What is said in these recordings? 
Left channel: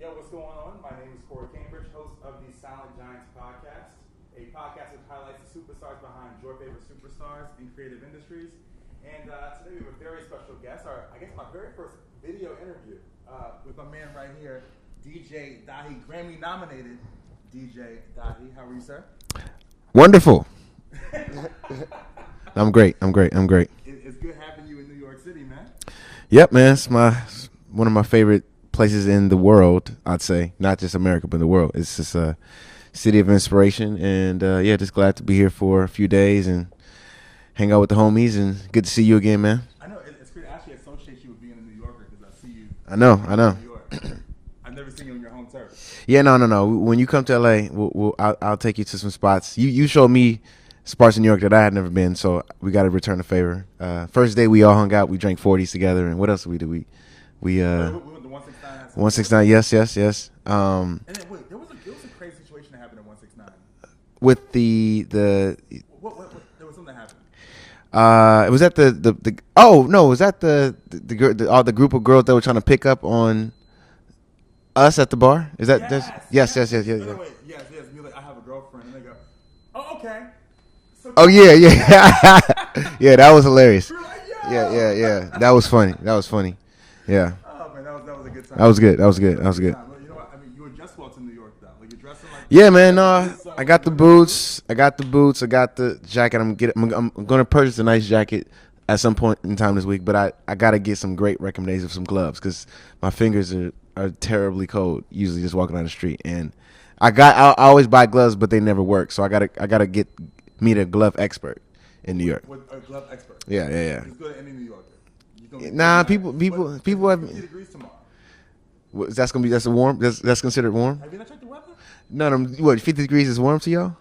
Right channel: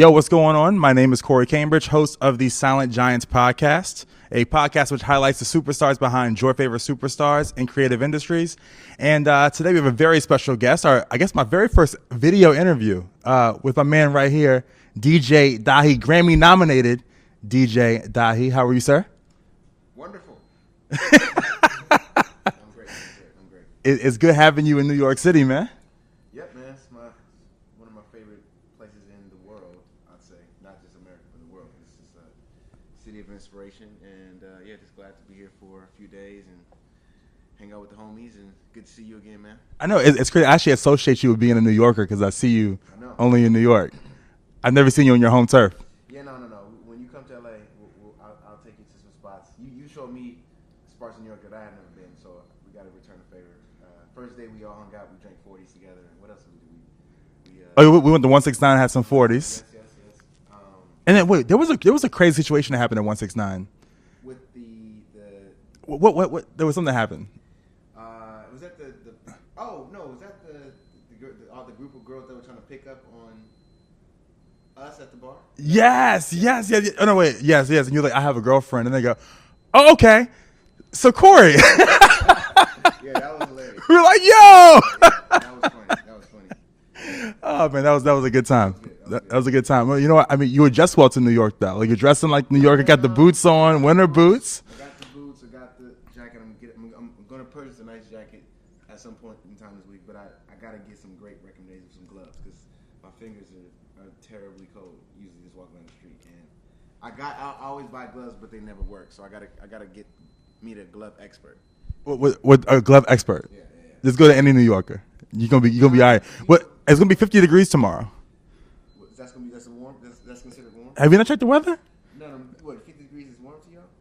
Yo, what's going on? My name is Corey Cambridge, host of the Silent Giants podcast, a podcast which highlights the superstars behind your favorite superstars in creative industries. And today we have a very special guest, I guess my very first video interview with my man right here, DJ Dahi, Grammy nominated DJ Dahi. How are you, sir? Wonderful. I'm great. It's good having you in New York City, man. Yep, man. It's one of my favorite places in the world, I'd say. Not just America, but the world. It's just a city of inspiration. And, just glad to be here for a few days and hang out with the homies. And good to see you again, man. I know. It's crazy. I actually associate you with being a New Yorker because I see you only in New York. I've never seen you on your home turf. Yeah, no. When you come to L.A., I'll take you to some spots. You showed me spots in New York that I had never been, so we got to return the favor. First day we all hung out. We drank 40s together, and what else did we do? We went to 169, had some 40s. Yes. And then wait, there was a crazy situation that happened at 169 with the what there was something that happened. It was at was that the group of girls that were trying to pick up on us at the bar? Is that yes. Oh no, wait, yes. And you're like, I have a girlfriend, and they go, oh, okay. So Corey. Yeah, that was hilarious. We were like, yo, yeah, that was funny. Yeah. Oh man, that was a good time. That was good. That was a good time. Well, you know what? I mean, you were just well to New York though. Like you're dressing like New York. Man. You got the boots on. I got winter the boots. I got the boots. I got the jacket. I'm going to purchase a nice jacket at some point in time this week. But I got to get some great recommendations of some gloves because my fingers are terribly cold. Usually just walking down the street, and I always buy gloves, but they never work. So I gotta meet a glove expert in New York. With a glove expert. Yeah. Just go to any New Yorker. You're gonna be all right. It's gonna be 50 degrees tomorrow. That's warm. That's considered warm. Have you not checked the weather? No. What, 50 degrees is warm to y'all?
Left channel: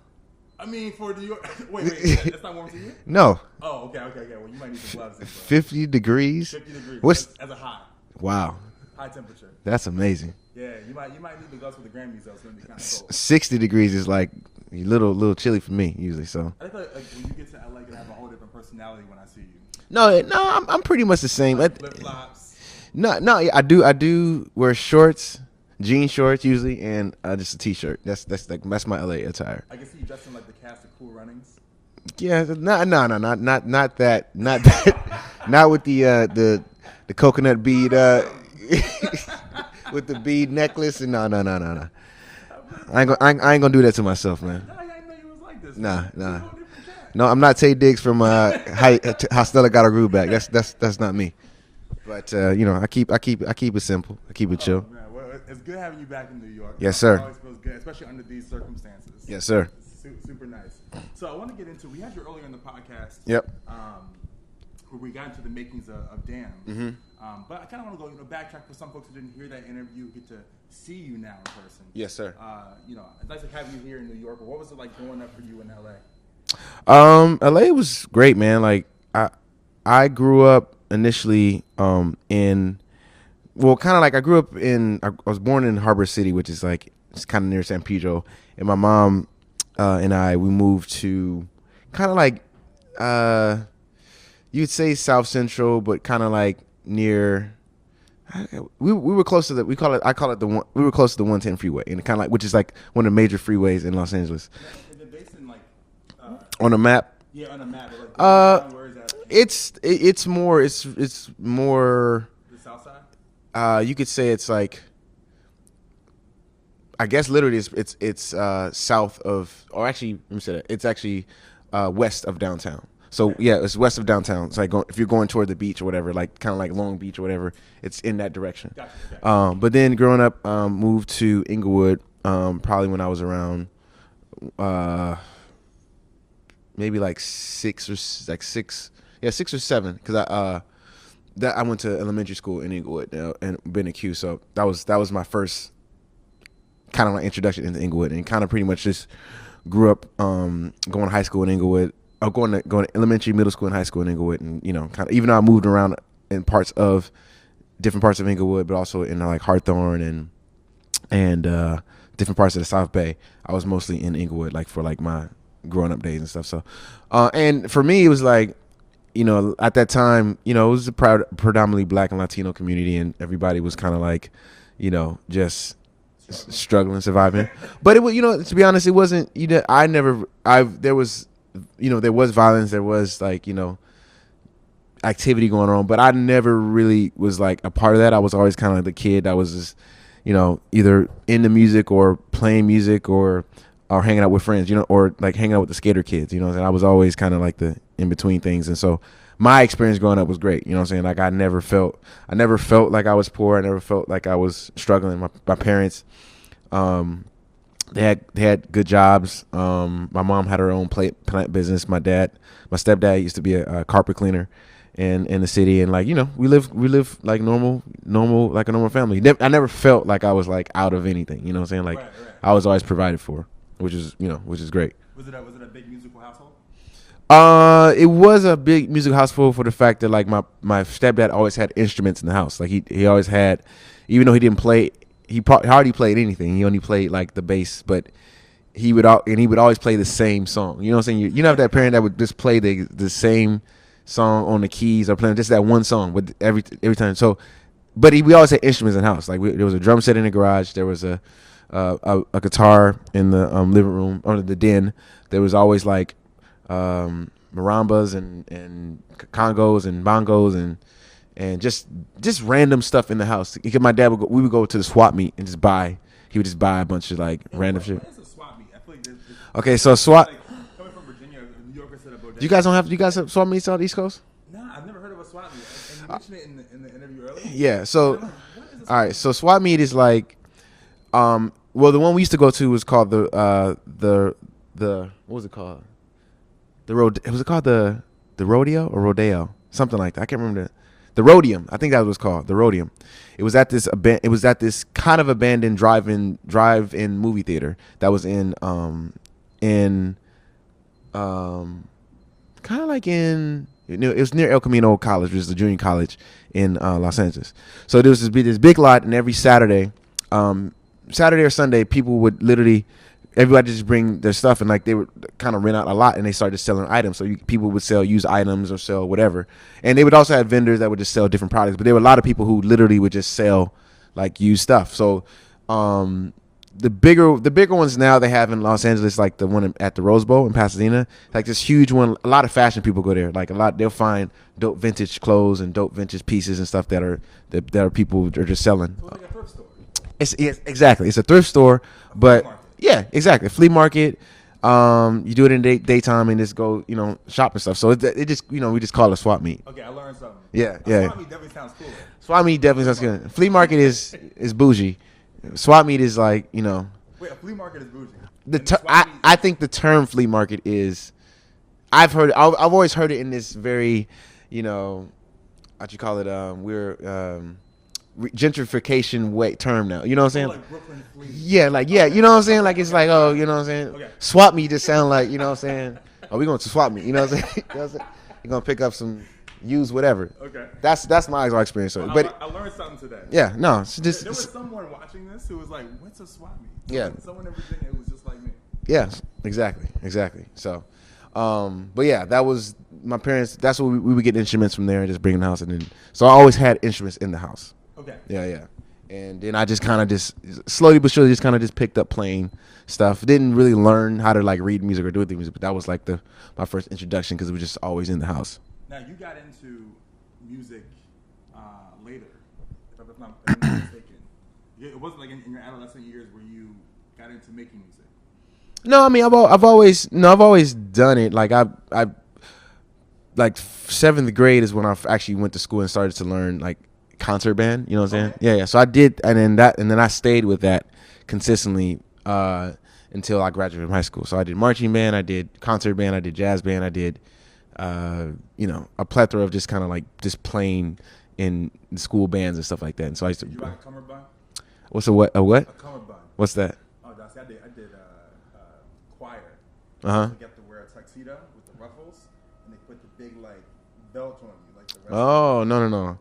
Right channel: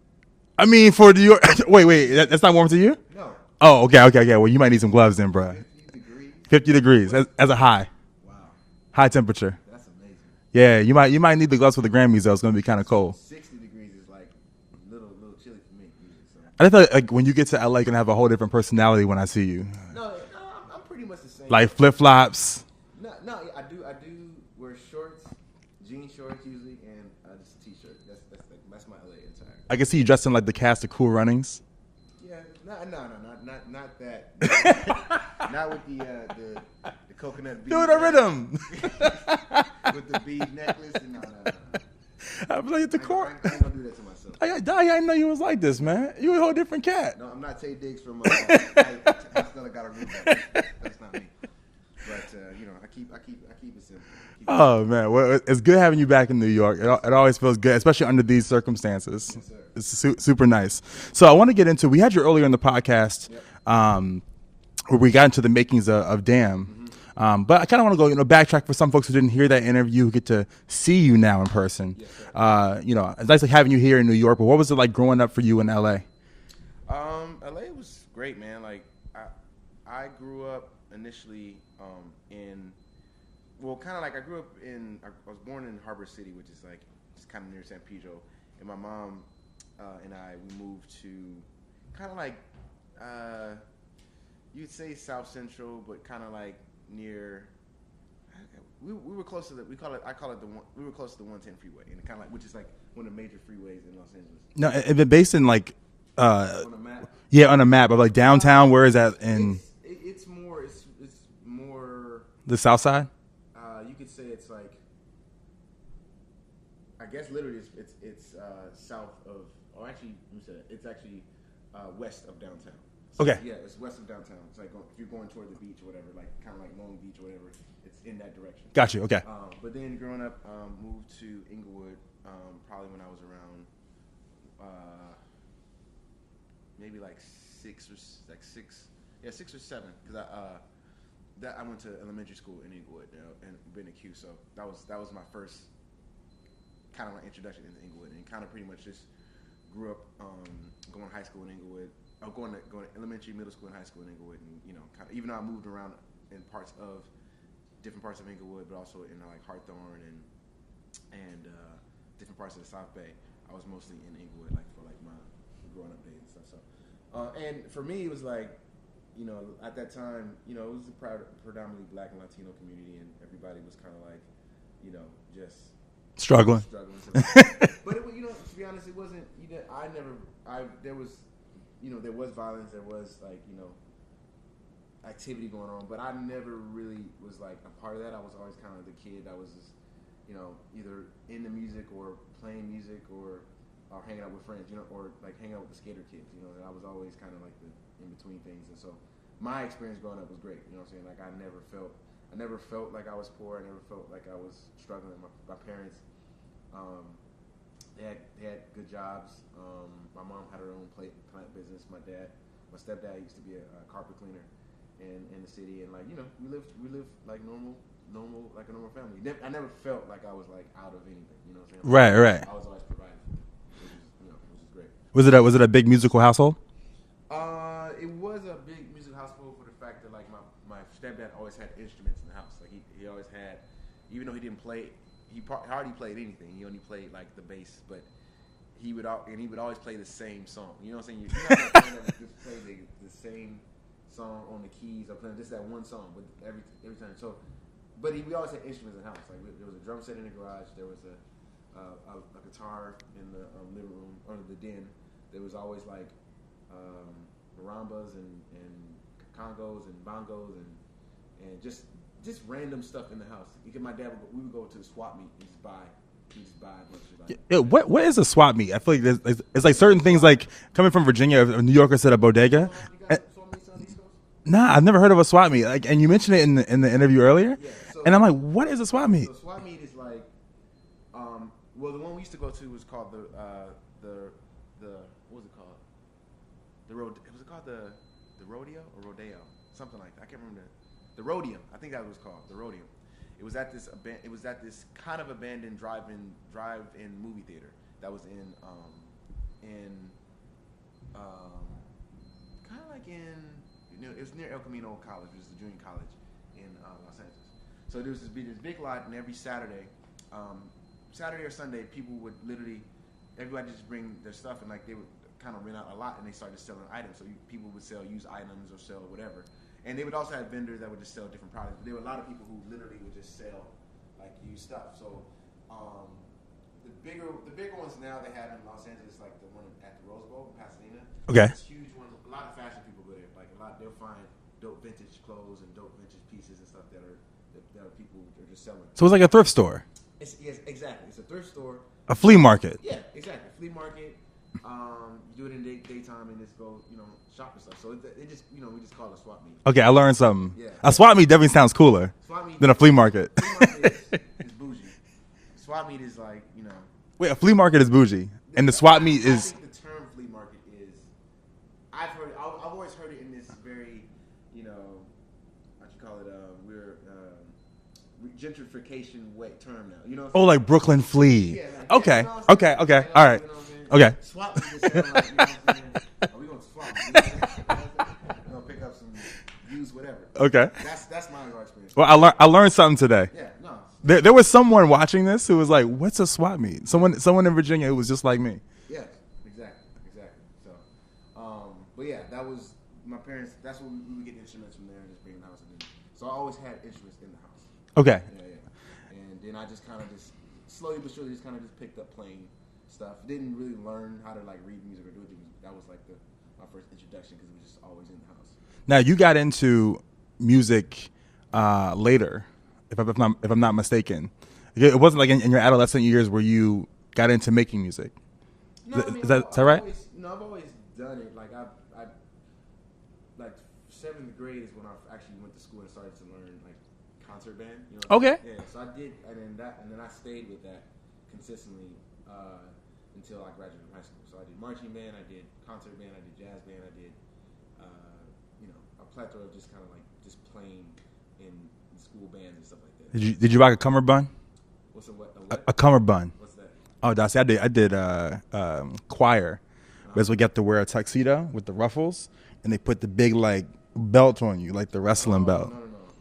I mean, for New York. wait. That's not warm to you? No. Oh, okay. Well, you might need some gloves then, bro. 50 degrees. 50 degrees as a high. Wow. High temperature. That's amazing. Yeah, you might need the gloves for the Grammys though. It's gonna be kind of cold. 60 degrees is like a little chilly for me usually. So I thought like when you get to LA, you're gonna have a whole different personality when I see you. No, I'm pretty much the same. Like flip flops. No, I do wear shorts, jean shorts usually, and just a t-shirt. That's my LA attire. I can see you dressed in like the cast of Cool Runnings. Yeah, not that, not with the coconut bead with the bead necklace and no. I ain't gonna do that to myself, man. I didn't know you was like this, man. You a whole different cat. No, I'm not Tay Diggs from How Stella Got Her Groove Back. That's not me. But I keep it simple. I keep it chill. Oh man, well, it's good having you back in New York. Yes, sir. It always feels good, especially under these circumstances. Yes, sir. It's super nice. So I want to get into. We had you earlier in the podcast. Yep. Where we got into the makings of DAMN. Mm-hmm. But I kind of want to go, backtrack for some folks who didn't hear that interview, who get to see you now in person. Yes, sir. It's nice like having you here in New York. But what was it like growing up for you in LA? LA was great, man. Like I grew up initially I grew up I was born in Harbor City, which is like it's kind of near San Pedro, and my mom and we moved to kind of like you'd say South Central, but kind of like near. We were close to we were close to the 110 freeway, and kind of like which is like one of the major freeways in Los Angeles. No, is it based in like on a map? Yeah, on a map of like downtown. Where is that? It's more the South Side. You could say it's like. I guess literally it's south of, or actually let me say that it's actually west of downtown. So okay. Yeah, it's west of downtown. It's like if you're going toward the beach or whatever, like kind of like Long Beach or whatever, it's in that direction. Gotcha. Okay. But then growing up, moved to Inglewood, probably when I was around, maybe like 6 or 7, because I went to elementary school in Inglewood and been at Q, so that was my first kind of like introduction into Inglewood, and kind of pretty much just grew up going to high school in Inglewood. Going to elementary, middle school, and high school in Inglewood, and kind of even though I moved around in different parts of Inglewood, but also in like Hawthorne and different parts of the South Bay, I was mostly in Inglewood, like for like my growing up days and stuff. So, and for me, it was like, at that time, it was a predominantly Black and Latino community, and everybody was kind of like, just struggling, surviving. But it was, to be honest, it wasn't. There was violence, there was activity going on, but I never really was like a part of that. I was always kind of like the kid that was just, either into music or playing music or hanging out with friends, or like hanging out with the skater kids, and I was always kind of like the in between things. And so my experience growing up was great. You know what I'm saying? Like I never felt like I was poor. I never felt like I was struggling. My parents, they had good jobs. My mom had her own plant business. My stepdad used to be a carpet cleaner in the city, and we live like normal like a normal family. I never felt like I was like out of anything. You know what I'm saying? Like, right. I was always provided for, which is great. Was it a big musical household? It was a big music household for the fact that like my stepdad always had instruments in the house. Like he always had, even though he didn't play, he hardly played anything. He only played like the bass, but he would always play the same song. You know what I'm saying? You have that parent that would just play the same song on the keys or playing just that one song with every time. So, but we always had instruments in the house. Like there was a drum set in the garage. There was a guitar in the living room or the den. There was always like marambas and congos and bongos and just random stuff in the house. Because my dad we would go to the swap meet and he would just buy a bunch of like random shit. What is a swap meet? I feel like it's okay, like certain things like coming from Virginia, a New Yorker said a bodega. You guys have swap meets on the East Coast? Nah, I've never heard of a swap meet. Like, and you mentioned it in the interview earlier. Yeah. So and I'm like, what is a swap meet? So swap meet is like, well, the one we used to go to was called the what was it called? Was it called the rodeo or rodeo? Something like that. I can't remember the Rhodium. I think that was called the Rhodium. It was at this kind of abandoned drive-in movie theater that was in kind of like in, it was near El Camino College, which is the junior college in Los Angeles. So there was this big lot, and every Saturday or Sunday, people would everybody just bring their stuff, and like they would kind of rent out a lot, and they started selling items. So people would sell used items or sell whatever, and they would also have vendors that would just sell different products. But there were a lot of people who literally would just sell like used stuff. So the bigger ones now they have in Los Angeles, like the one at the Rose Bowl in Pasadena, like this huge one. A lot of fashion people go there. Like they'll find dope vintage clothes and dope vintage pieces and stuff that are people are just selling. So it's like a thrift store. Yes, exactly. It's a thrift store. A flea market. Yeah, exactly. A flea market. You do it in daytime and just go, shop and stuff. So it just, we just call it a swap meet. Okay, I learned something. Yeah. A swap meet definitely sounds cooler. Swap meet than a flea market. Flea market is bougie. Swap meet is like, Wait, a flea market is bougie. And the swap meet is... I think the term flea market is... I've always heard it in this very, what you call it, gentrification term now. You know what I'm saying? Oh, like Brooklyn flea. Yeah, like, okay. You know what I'm saying? Okay, like, it's okay. like, All right. You know what I'm saying? Okay. Swap meet just sound like, you know what I'm saying? Oh, we going to swap meet. You know what I'm saying? You know what I'm saying? You're going to pick up some used whatever. Okay. That's my experience. Well, I learned something today. Yeah, no. There was someone watching this who was like, what's a swap meet? Someone in Virginia who was just like me. Yeah, exactly. So, but yeah, that was my parents. That's what we would get instruments from there and just bring in the house. And then, so I always had instruments in the house. Okay. Yeah. And then I just kind of just slowly but surely just picked up playing stuff. Didn't really learn how to like read music or do the music, but that was like my first introduction because it was just always in the house. Now you got into music later, if I'm not mistaken. It wasn't like in your adolescent years where you got into making music. No, I mean I've always done it. Like I like 7th grade is when I actually went to school and started to learn like concert band, you know what I'm saying? Okay. Yeah. So I did, and then I stayed with that consistently until I graduated from high school. So I did marching band, I did concert band, I did jazz band, I did a plethora of just kind of like just playing in school bands and stuff like that. So did you rock a cummerbund? What's a what? A what? A cummerbund. What's that? Oh, I did choir. Because we get to wear a tuxedo with the ruffles, and they put the big like belt on you, like the wrestling belt. Oh, no.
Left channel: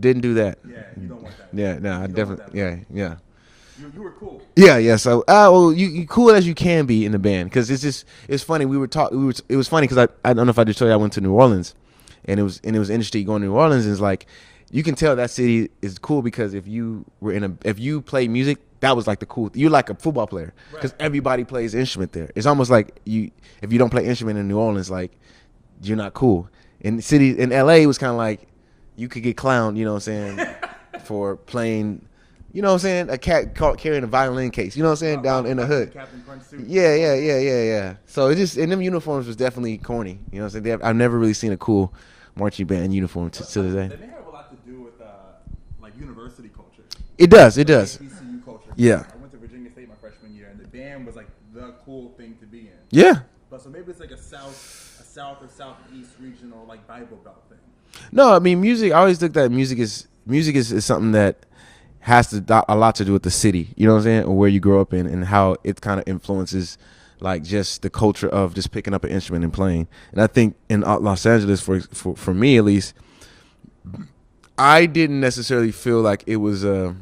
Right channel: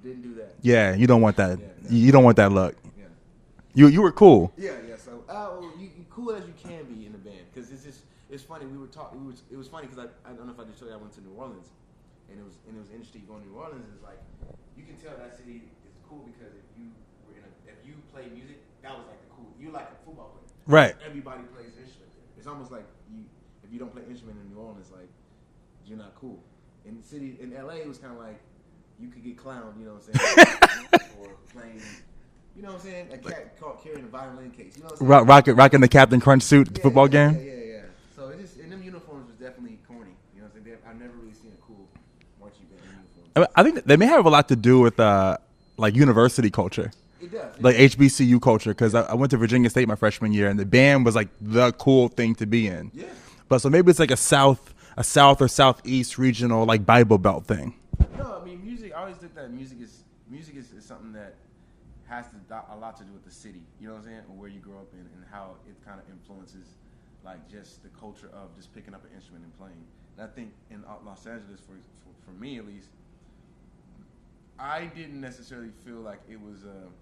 Didn't do that. Yeah, you don't want that. Yeah, no, you don't want that look. Yeah. You were cool. Yeah. So, well, you cool as you can be in the band because it's funny. It was funny because I don't know if I just told you I went to New Orleans, and it was interesting going to New Orleans. And it's like you can tell that city is cool because if you play music, that was like the cool. You're like a football player, right? Everybody plays an instrument there. It's almost like if you don't play instrument in New Orleans, like you're not cool. In the city in LA, it was kind of like you could get clowned, you know what I'm saying, for playing. You know what I'm saying? A cat carrying a violin case. You know what I'm saying? Rocking the Captain Crunch suit football game. Yeah. So it just, and them uniforms was definitely corny. You know what I'm saying? I've never really seen a cool marching band uniform. I think they may have a lot to do with like university culture. It does. Like HBCU culture. Because I went to Virginia State my freshman year, and the band was like the cool thing to be in. Yeah. But so maybe it's like a south or southeast regional like Bible Belt thing. No, I mean music. I always looked at music is something that has a lot to do with the city, you know what I'm saying, or where you grow up in, and how it kind of influences like just the culture of just picking up an instrument and playing. And I think in Los Angeles, for me at least, I didn't necessarily feel like it was a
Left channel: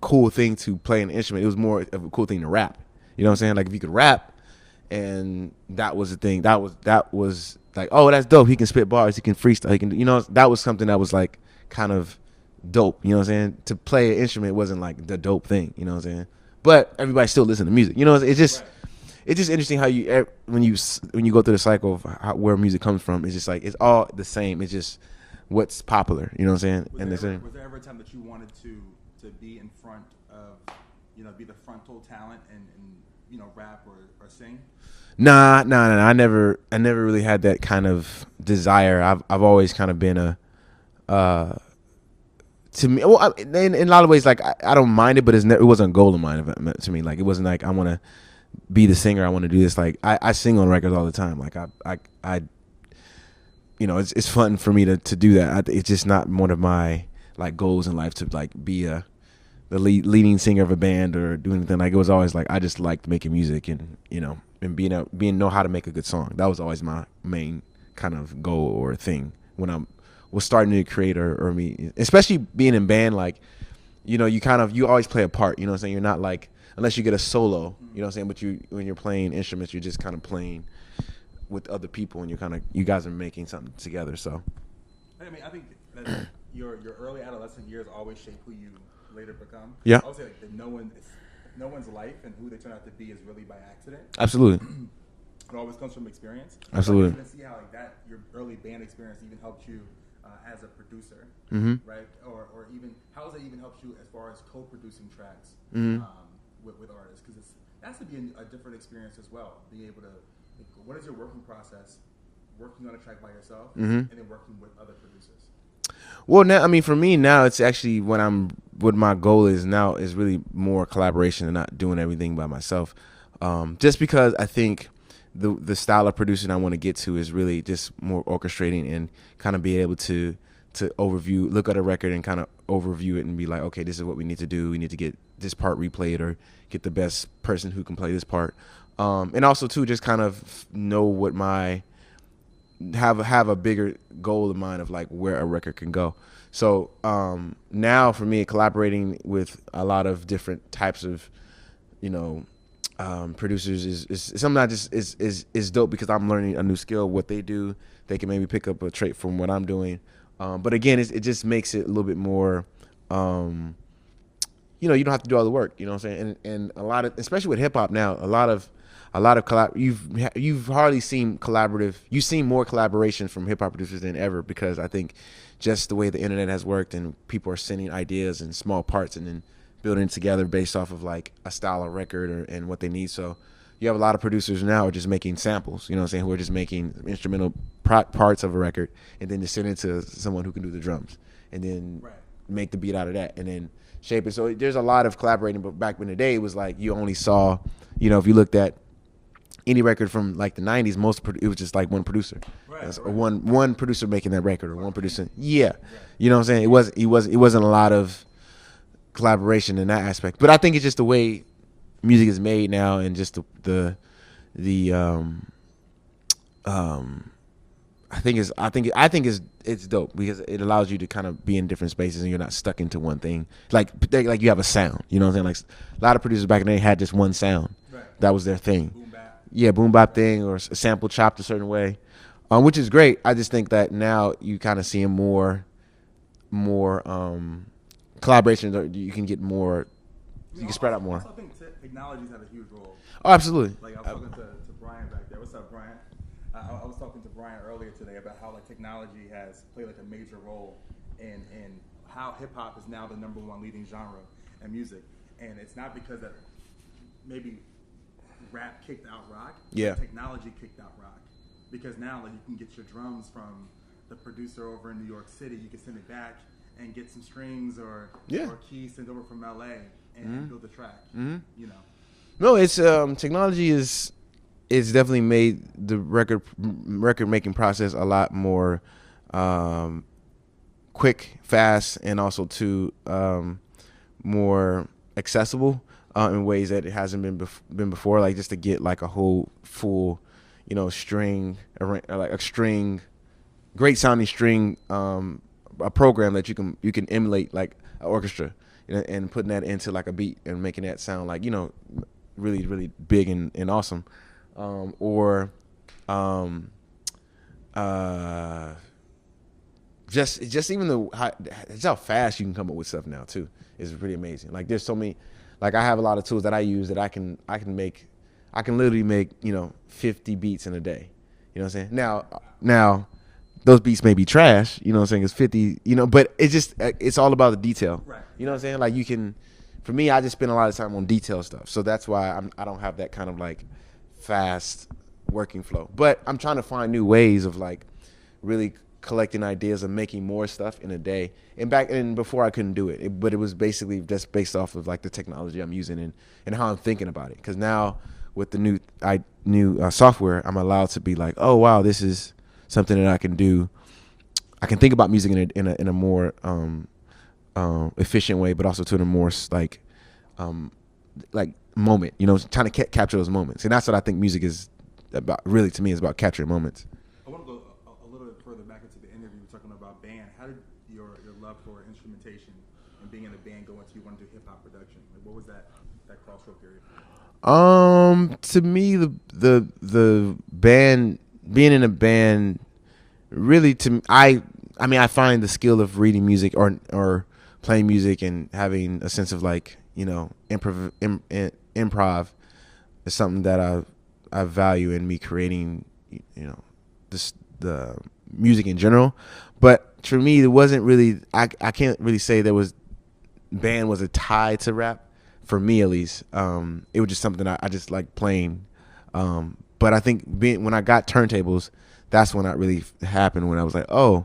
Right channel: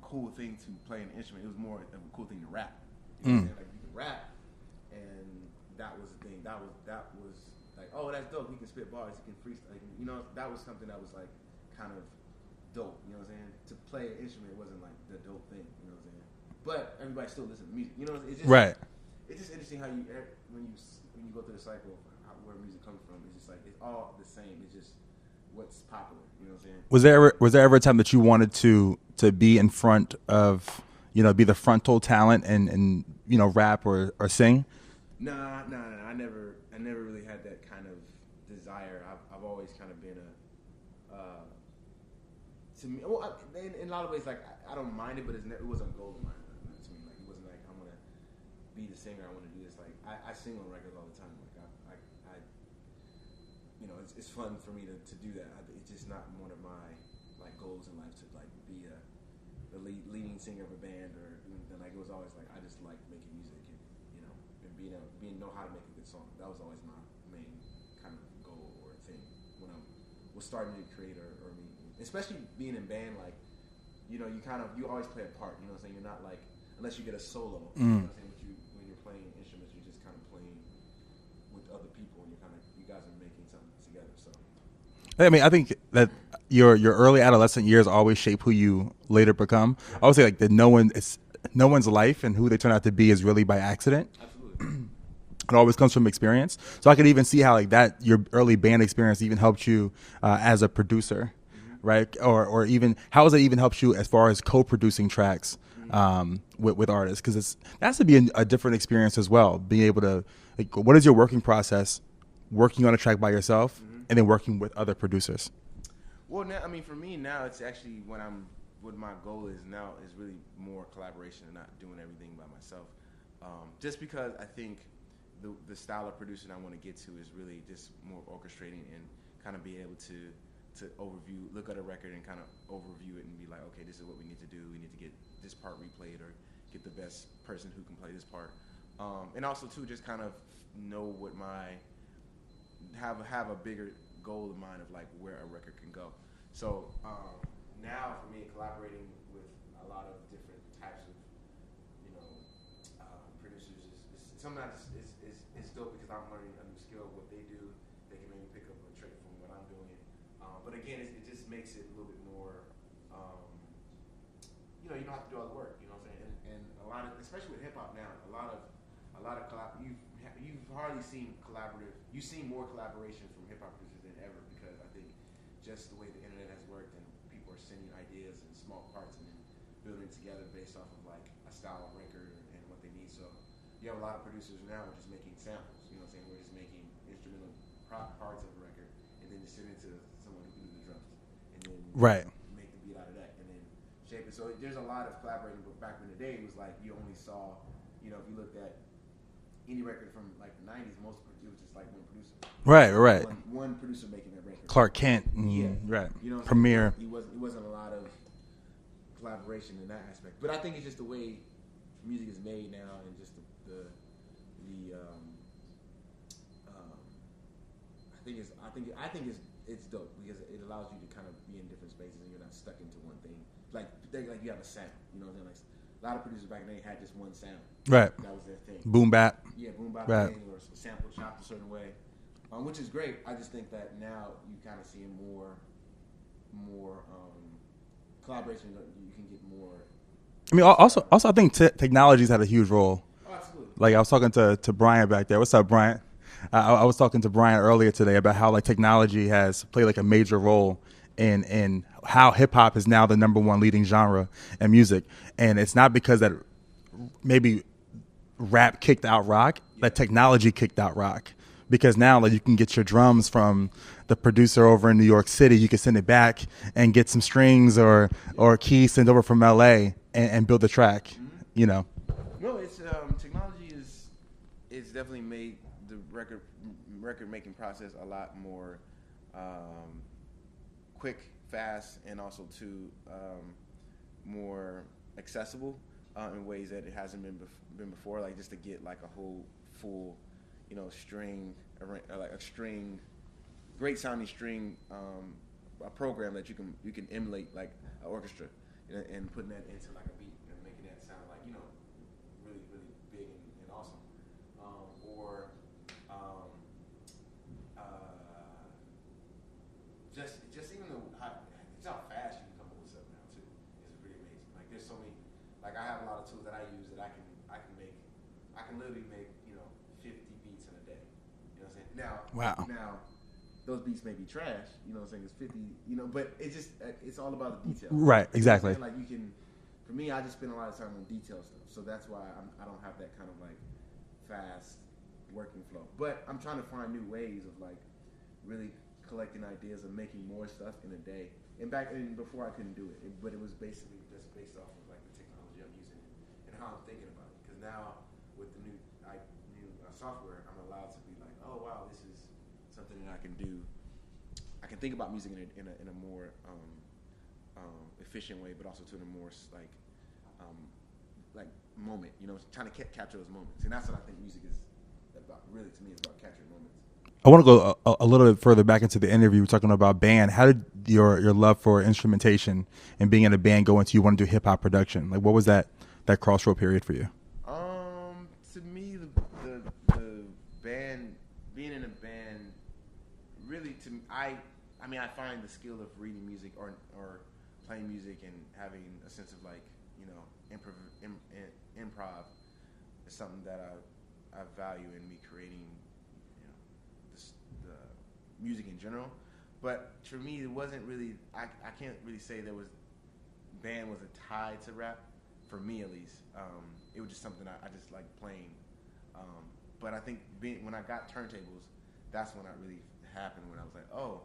cool thing to play an instrument. It was more of a cool thing to rap. You know what I'm saying? Like if you could rap, and that was the thing. That was like, oh, that's dope. He can spit bars. He can freestyle. He can, you know, that was something that was like kind of dope, you know what I'm saying? To play an instrument wasn't like the dope thing, you know what I'm saying? But everybody still listen to music, you know. It's just It's just interesting how you when you go through the cycle of where music comes from. It's just like it's all the same. It's just what's popular, you know what I'm saying? Was there ever a time that you wanted to be in front of, you know, be the frontal talent and you know, rap or sing? Nah. I never really had that kind of desire. I've always kind of been to me, well, in a lot of ways, like I don't mind it, but it wasn't a goal of mine to me. Like it wasn't like I want to be the singer. I want to do this. Like I sing on records all the time. Like I you know, it's fun for me to do that. It's just not one of my like goals in life to like be the leading singer of a band or do anything. Like it was always like I just liked making music and, you know, and being know how to make a good song. That was always my main kind of goal or thing when I was starting to create or me, especially being in band. Like, you know, you always play a part, you know what I'm saying? You're not like, unless you get a solo, you know what I'm saying? But when you're playing instruments, you're just kind of playing with other people and you guys are making something together. So I mean, I think that your early adolescent years always shape who you later become. Yeah. I would say like that no one's life and who they turn out to be is really by accident. Absolutely. It always comes from experience. Absolutely. So I could even see how like that your early band experience even helped you as a producer, right? Or even how has it even helped you as far as co-producing tracks with artists? Because that has to be a different experience as well. Being able to, like, what is your working process, working on a track by yourself and then working with other producers? Well, now, I mean, for me now, it's actually what my goal is now is really more collaboration and not doing everything by myself. Just because I think the style of producing I want to get to is really just more orchestrating and kind of be able to look at a record and kind of overview it and be like, okay, this is what we need to do. We need to get this part replayed or get the best person who can play this part. And also too, just kind of know what have a bigger goal in mind of like where a record can go. So now for me, collaborating with a lot of different types of, you know, producers is something that just is dope because I'm learning a new skill. What they do, they can maybe pick up a trait from what I'm doing. But again, it just makes it a little bit more, you know, you don't have to do all the work, you know what I'm saying? And a lot of, especially with hip hop now, a lot of you've hardly seen you've seen more collaboration from hip hop producers than ever, because I think just the way the internet has worked and people are sending ideas and small parts and then building it together based off of like a style of record and what they need. So you have a lot of producers now are just making samples, you know what I'm saying, who are just making instrumental parts of a record and then just send it to someone who can do the drums and then make the beat out of that and then shape it. So there's a lot of collaborating, but back in the day it was like you only saw, you know, if you looked at any record from like the 90s, it was just like one producer. Right. One producer making that record. Clark Kent. Yeah. Right. You know what I'm saying? It wasn't a lot of collaboration in that aspect. But I think it's just the way music is made now and just I think it's dope because it allows you to kind of be in different spaces and you're not stuck into one thing. Like you have a sound, you know what I'm saying? Like a lot of producers back in the day had just one sound. Right. That was their thing. Boom bap. Yeah, boom bap thing or a sample chopped a certain way, which is great. I just think that now you kind of seeing more more collaborations, or you can get more. I mean, also I think technology's had a huge role. Oh, absolutely. Like I was talking to Brian back there. What's up, Brian? I was talking to Brian earlier today about how like technology has played like a major role in how hip hop is now the #1 leading genre in music, and it's not because that maybe rap kicked out rock, but technology kicked out rock, because now like you can get your drums from the producer over in New York City, you can send it back and get some strings or keys sent over from LA and build the track. You know. No, it's technology is definitely made the record making process a lot more quick, fast, and also more accessible in ways that it hasn't been before. Like just to get like a whole full, string, like a string, great sounding string, a program that you can emulate like an orchestra, and putting that into like a beat and making that sound like really really big and awesome. Just even how fast you can come up with stuff now too is pretty amazing. Like there's so many, like I have a lot of tools that I use that I can literally make 50 beats in a day. You know what I'm saying? Now those beats may be trash. You know what I'm saying? It's 50. But it's all about the detail. Right. Exactly. You know what I'm saying? Like you can. For me, I just spend a lot of time on detail stuff, so that's why I don't have that kind of like fast working flow. But I'm trying to find new ways of like really collecting ideas and making more stuff in a day. And before I couldn't do it, but it was basically just based off of like the technology I'm using and how I'm thinking about it. Because now with the new software, I'm allowed to be like, oh wow, this is something that I can do. I can think about music in a more efficient way, but also to the more like moment, trying to capture those moments. And that's what I think music is about. Really, to me, is about capturing moments. I want to go a little bit further back into the interview. We're talking about band. How did your love for instrumentation and being in a band go into you want to do hip hop production? Like, what was that crossroad period for you? To me, the band, being in a band, really I find the skill of reading music or playing music and having a sense of like improv is something that I value in me creating the music in general. But for me, it wasn't really, I can't really say band was a tie to rap, for me at least. It was just something I just like playing. But I think when I got turntables, that's when that really happened, when I was like, oh,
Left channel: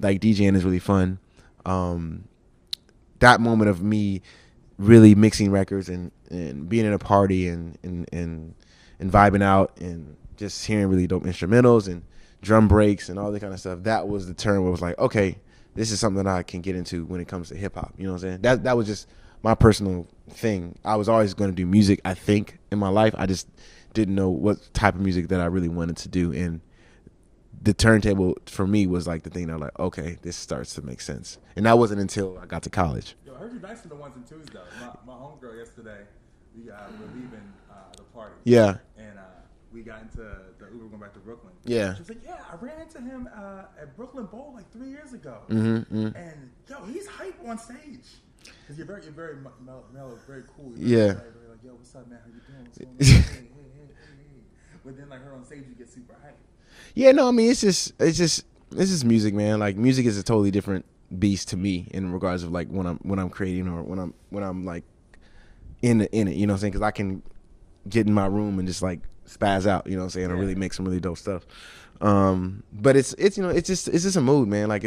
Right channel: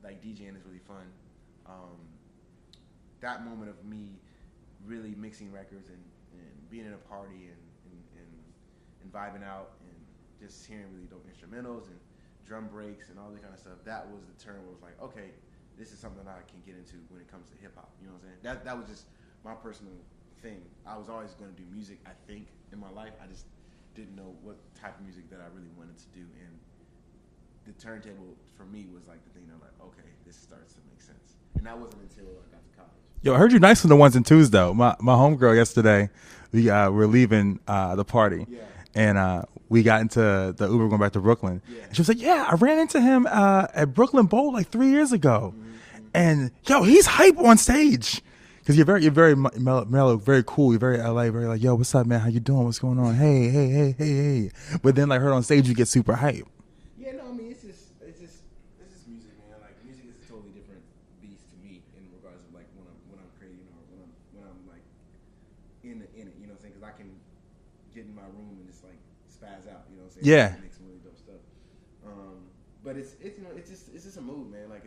like DJing is really fun. That moment of me really mixing records and being in a party and vibing out and just hearing really dope instrumentals and drum breaks and all that kind of stuff, that was the turn where it was like, okay, this is something that I can get into when it comes to hip hop. You know what I'm saying? That was just my personal thing. I was always going to do music, I think, in my life. I just didn't know what type of music that I really wanted to do. And the turntable for me was like the thing that I was like, okay, this starts to make sense. And that wasn't until I got to college. Yo, I heard you nice on the ones and twos though. My homegirl yesterday, we're leaving the party. Yeah. And we got into the Uber going back to Brooklyn. Yeah. She was like, yeah, I ran into him at Brooklyn Bowl like 3 years ago. And yo, he's hype on stage. Because you're very mellow, very cool. You're very LA, very like, yo, what's up, man? How you doing? What's going on? hey. But then like her on stage, you get super hype. Yeah, no, I mean, it's just music, man. Like music is a totally different beast to me in regards of like when I'm creating or when I'm like in it, you know what I'm saying? Because I can get in my room and just like spaz out, you know what I'm saying? Yeah. Really make some really dope stuff. But it's just a mood, man. Like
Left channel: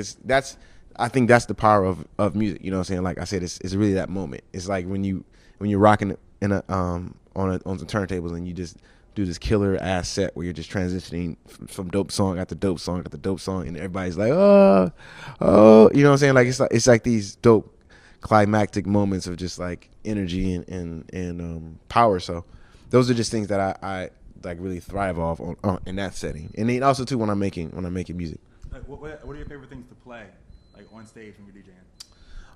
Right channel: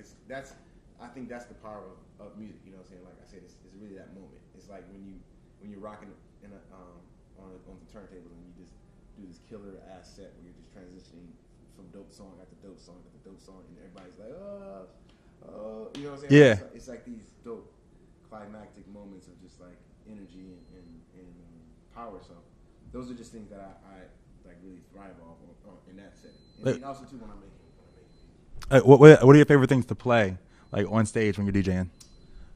I think that's the power of music, you know what I'm saying? Like I said, it's really that moment. It's like when you're rocking on some turntables and you just do this killer ass set where you're just transitioning from dope song after dope song after dope song, and everybody's like, oh, you know what I'm saying? Like it's like these dope climactic moments of just like energy and power. So those are just things that I like really thrive off on in that setting. And then also too when I'm making music. What are your favorite things to play like on stage when you're DJing?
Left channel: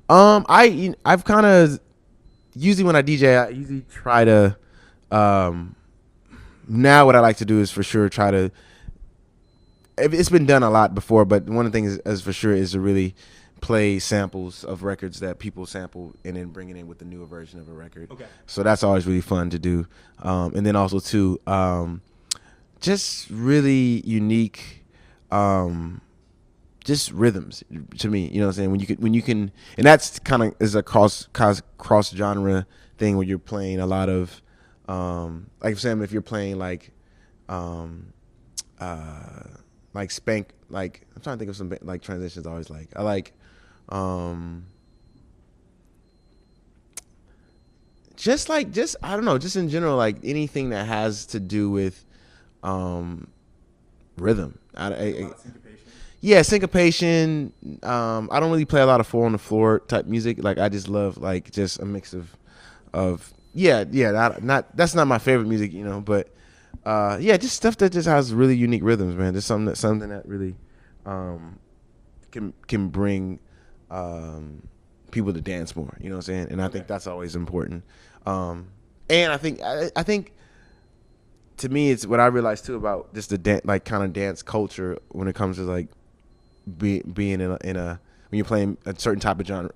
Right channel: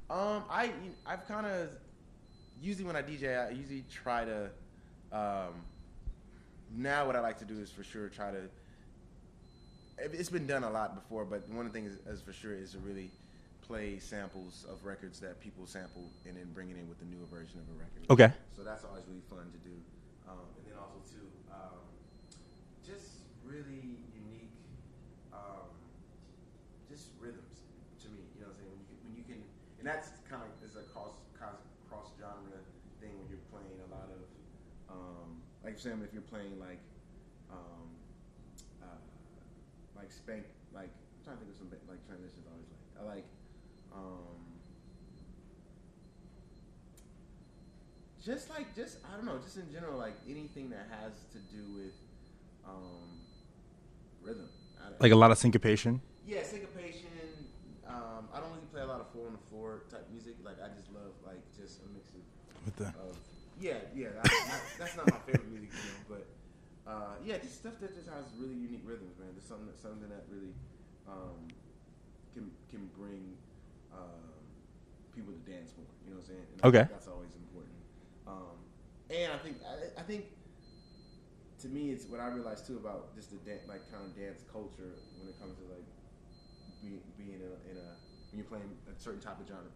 I've kind of usually when I DJ, I usually try to now what I like to do is for sure try to, it's been done a lot before, but one of the things is for sure is to really play samples of records that people sample and then bring it in with the newer version of a record. Okay. So that's always really fun to do. And then also too, just really unique, just rhythms to me. You know what I'm saying? When you can, and that's kind of is a cross genre thing where you're playing a lot of, like I'm saying, if you're playing like spank, like I'm trying to think of some like transitions I always like. I like just I don't know, just in general, like anything that has to do with rhythm. Like a lot of syncopation? Yeah, syncopation. I don't really play a lot of 4 on the floor type music. Like I just love like just a mix of that's not my favorite music, you know, but just stuff that just has really unique rhythms, man. Just something that really can bring people to dance more, you know what I'm saying? And I think that's always important. And I think to me, it's what I realized too about just the like kind of dance culture when it comes to like being in a when you're playing a certain type of genre,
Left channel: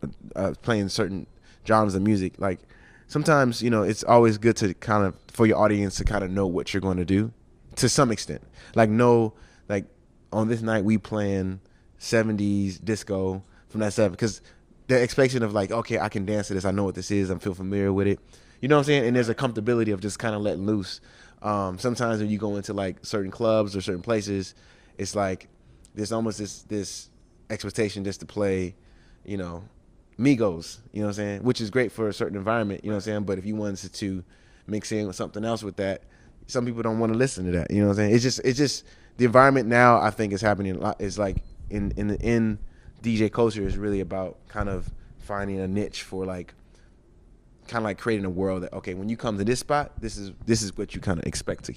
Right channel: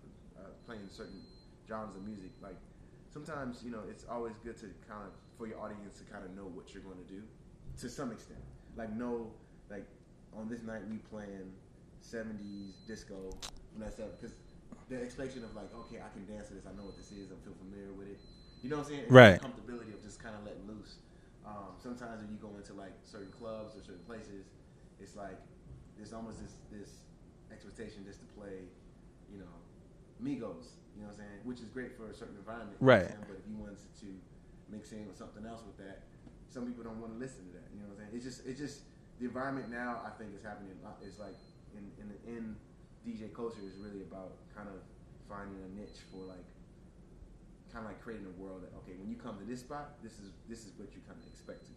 playing certain genres of music. Like sometimes, you know, it's always good to kind of for your audience to kind of know what you're going to do to some extent. Like know, like on this night we playing 70s disco from that stuff, because the expectation of like, okay, I can dance to this, I know what this is, I feel familiar with it. You know what I'm saying? And there's a comfortability of just kind of letting loose. Sometimes when you go into like certain clubs or certain places, it's like there's almost this expectation just to play, you know, Migos, you know what I'm saying? Which is great for a certain environment, you know what I'm saying? But if you wanted to mix in with something else with that, some people don't want to listen to that, you know what I'm saying? It's just the environment now, I think, is happening a lot. It's like in DJ culture is really about kind of finding a niche for like kind of like creating a world that, okay, when you come to this spot, this is what you kind of expect to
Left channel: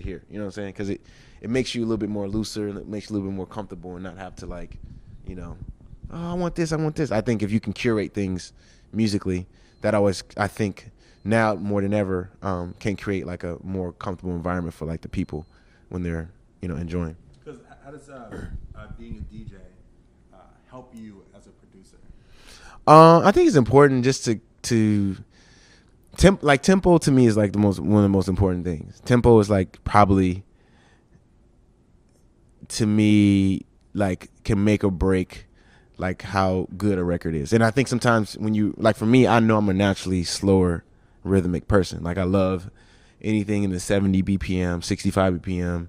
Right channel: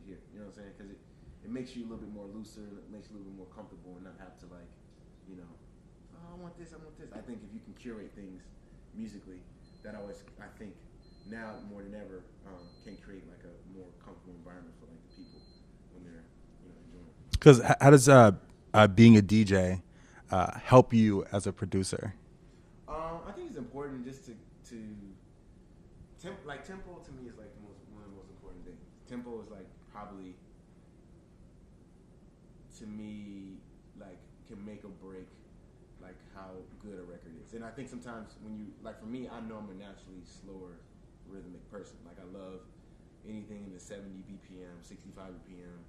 hear. You know what I'm saying? Because it makes you a little bit more looser, and it makes you a little bit more comfortable, and not have to like, you know, oh, I want this. I think if you can curate things musically, that always, I think now more than ever, can create like a more comfortable environment for like the people when they're, you know, enjoying. Because how does being a DJ help you as a producer? I think it's important just to tempo to me is like one of the most important things. Tempo is like probably to me like can make or break like how good a record is. And I think sometimes when you like, for me, I know I'm a naturally slower rhythmic person. Like I love anything in the 70 BPM, 65 BPM,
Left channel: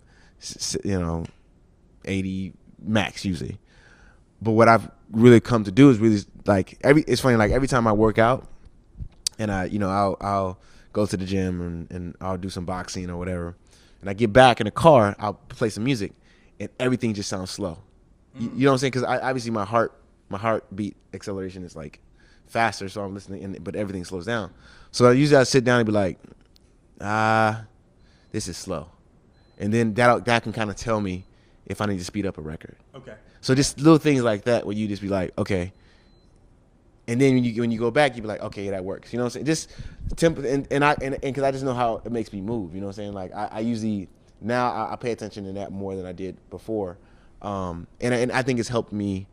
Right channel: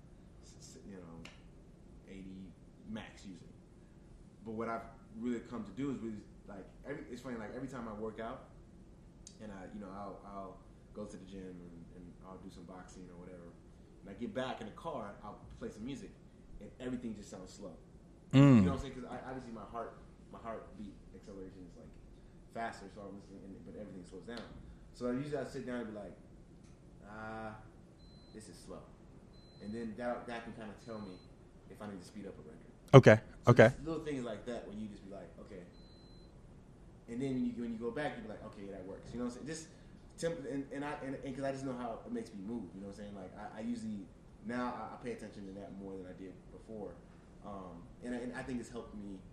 you know, 80 max usually. But what I've really come to do is really like it's funny, like every time I work out and I'll go to the gym and I'll do some boxing or whatever, and I get back in the car, I'll play some music and everything just sounds slow. You know what I'm saying? Because obviously my heartbeat acceleration is like faster, so I'm listening, but everything slows down. So I usually sit down and be like, this is slow, and then that can kind of tell me if I need to speed up a record. Okay. So just little things like that where you just be like, okay. And then when you go back, you be like, okay, that works. You know what I'm saying? Just tempo, and because I just know how it makes me move. You know what I'm saying? Like I usually now I pay attention to that more than I did before, and I think it's helped me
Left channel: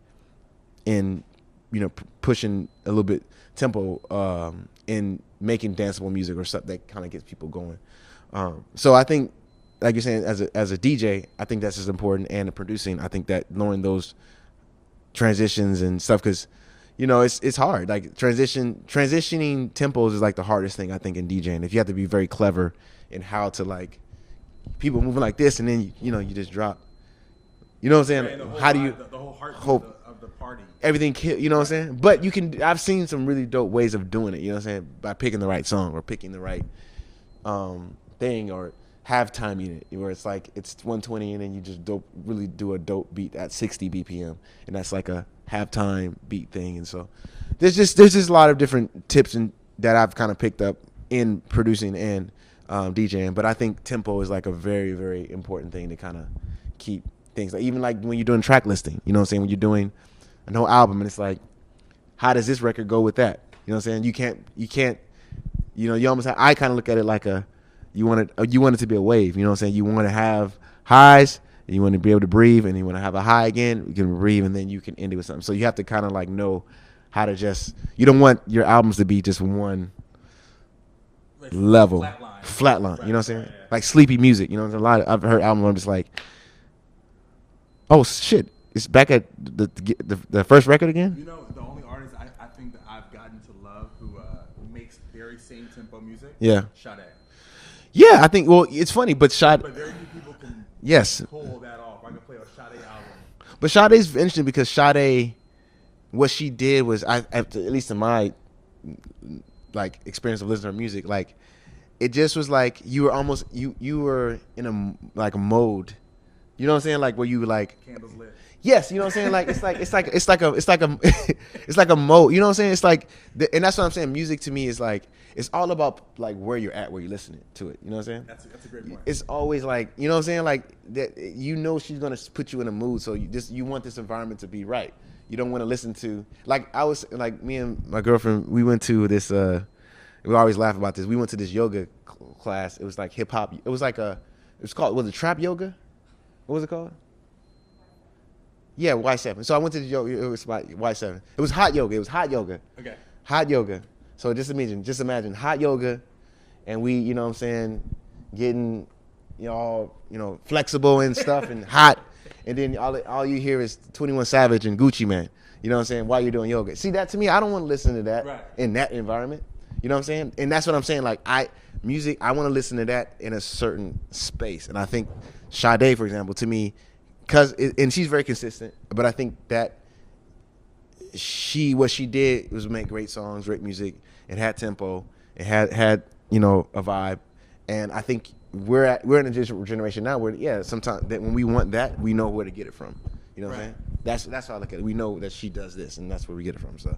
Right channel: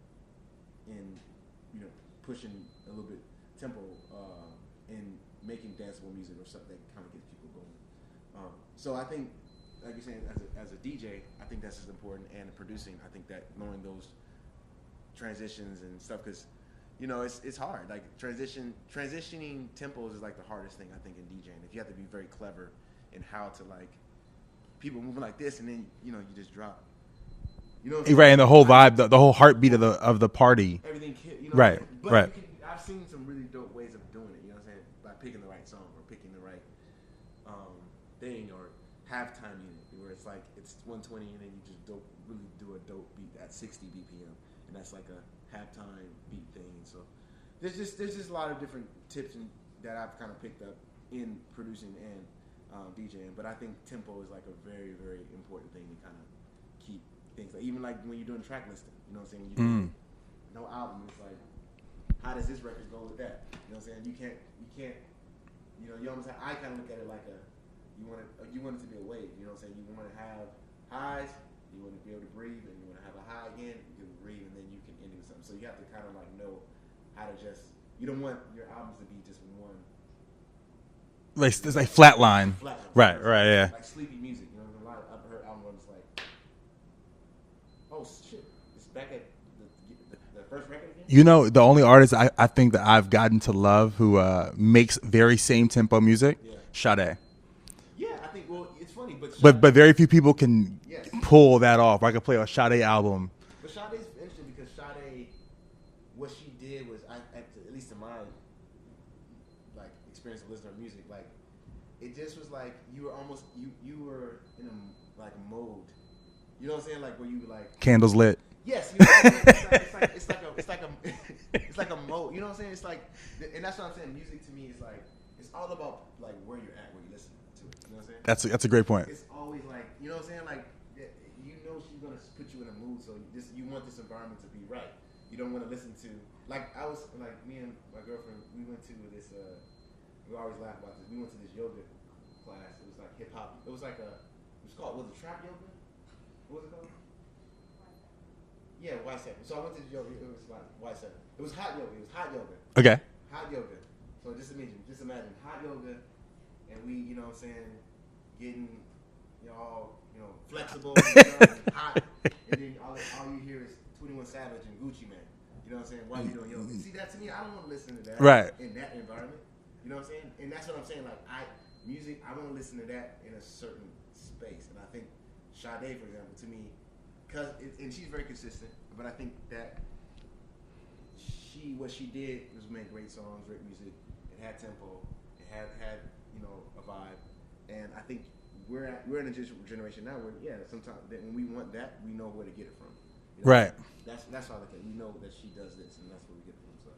in, you know, pushing a little bit tempo in making danceable music or stuff that kind of gets people going. So I think, like you're saying, as a DJ, I think that's as important, and the producing, I think that knowing those transitions and stuff, because, you know, it's hard. Like transitioning tempos is like the hardest thing I think in DJing. If you have to be very clever in how to like people moving like this, and then you just drop. You know what I'm saying? Right, and the whole vibe, the whole heartbeat of the party. Everything, you know what I'm saying? But you can. I've seen some really dope ways of doing it. You know what I'm saying? By picking the right song or picking the right thing, or halftiming it, where it's like it's 120 and then you just really do a dope beat at 60 BPM, and that's like a halftime beat thing. And so there's just a lot of different tips that I've kind of picked up in producing and DJing. But I think tempo is like a very, very important thing to kind of keep things, like even like when you're doing track listing, you know what I'm saying, when you're doing an whole album, and it's like, how does this record go with that? You know what I'm saying? You can't you know, you almost I kind of look at it like you want it to be a wave. You know what I'm saying? You want to have highs You want to be able to breathe, and you want to have a high again. You can breathe, and then you can end it with something. So you have to kind of like know how to just. You don't want your albums to be just one level, like flatline. Right, you know what I'm saying? Yeah. Like sleepy music. You know, a lot. I've heard albums where I'm just like, oh shit, it's back at the first record again. You know, the only artist I think that I've gotten to love who makes very same tempo music. Yeah, Sade. Yeah, I think. Well, it's funny, but very few people can pull that off. I could play a Sade album, but Sade's interesting because Sade, what she did was, at least in my like experience of listening to her music, like it just was like you were almost you were in a mode, you know what I'm saying, like where you like candles lit. Yes, you know what I'm saying. Like it's like a mode. You know what I'm saying? It's like, and that's what I'm saying. Music to me is like. It's all about like where you're at, where you're listening to it. You know what I'm saying? That's a great point. It's always like, you know what I'm saying? Like that, you know, she's gonna put you in a mood, so you want this environment to be right. You don't want to listen to me and my girlfriend. We went to this. We always laugh about this. We went to this yoga class. It was like hip hop. It was like was it trap yoga? What was it called? Yeah, Y7. So I went to the yoga. It was like Y7. It was hot yoga. Okay. Hot yoga. So just imagine hot yoga, and we, you know what I'm saying, getting, all, flexible and stuff and hot, and then all you hear is 21 Savage and Gucci Man, you know what I'm saying, while you're doing yoga. See, that to me, I don't want to listen to that in that environment, you know what I'm saying? And that's what I'm saying, like I want to listen to that in a certain space. And I think Sade, for example, to me, and she's very consistent, but I think that what she did was make great songs, great music. It had tempo. It had a vibe. And I think we're in a generation now where sometimes that when we want that, we know where to get it from. You know right. That's how I look at it. We know that she does this, and that's where we get it from. So,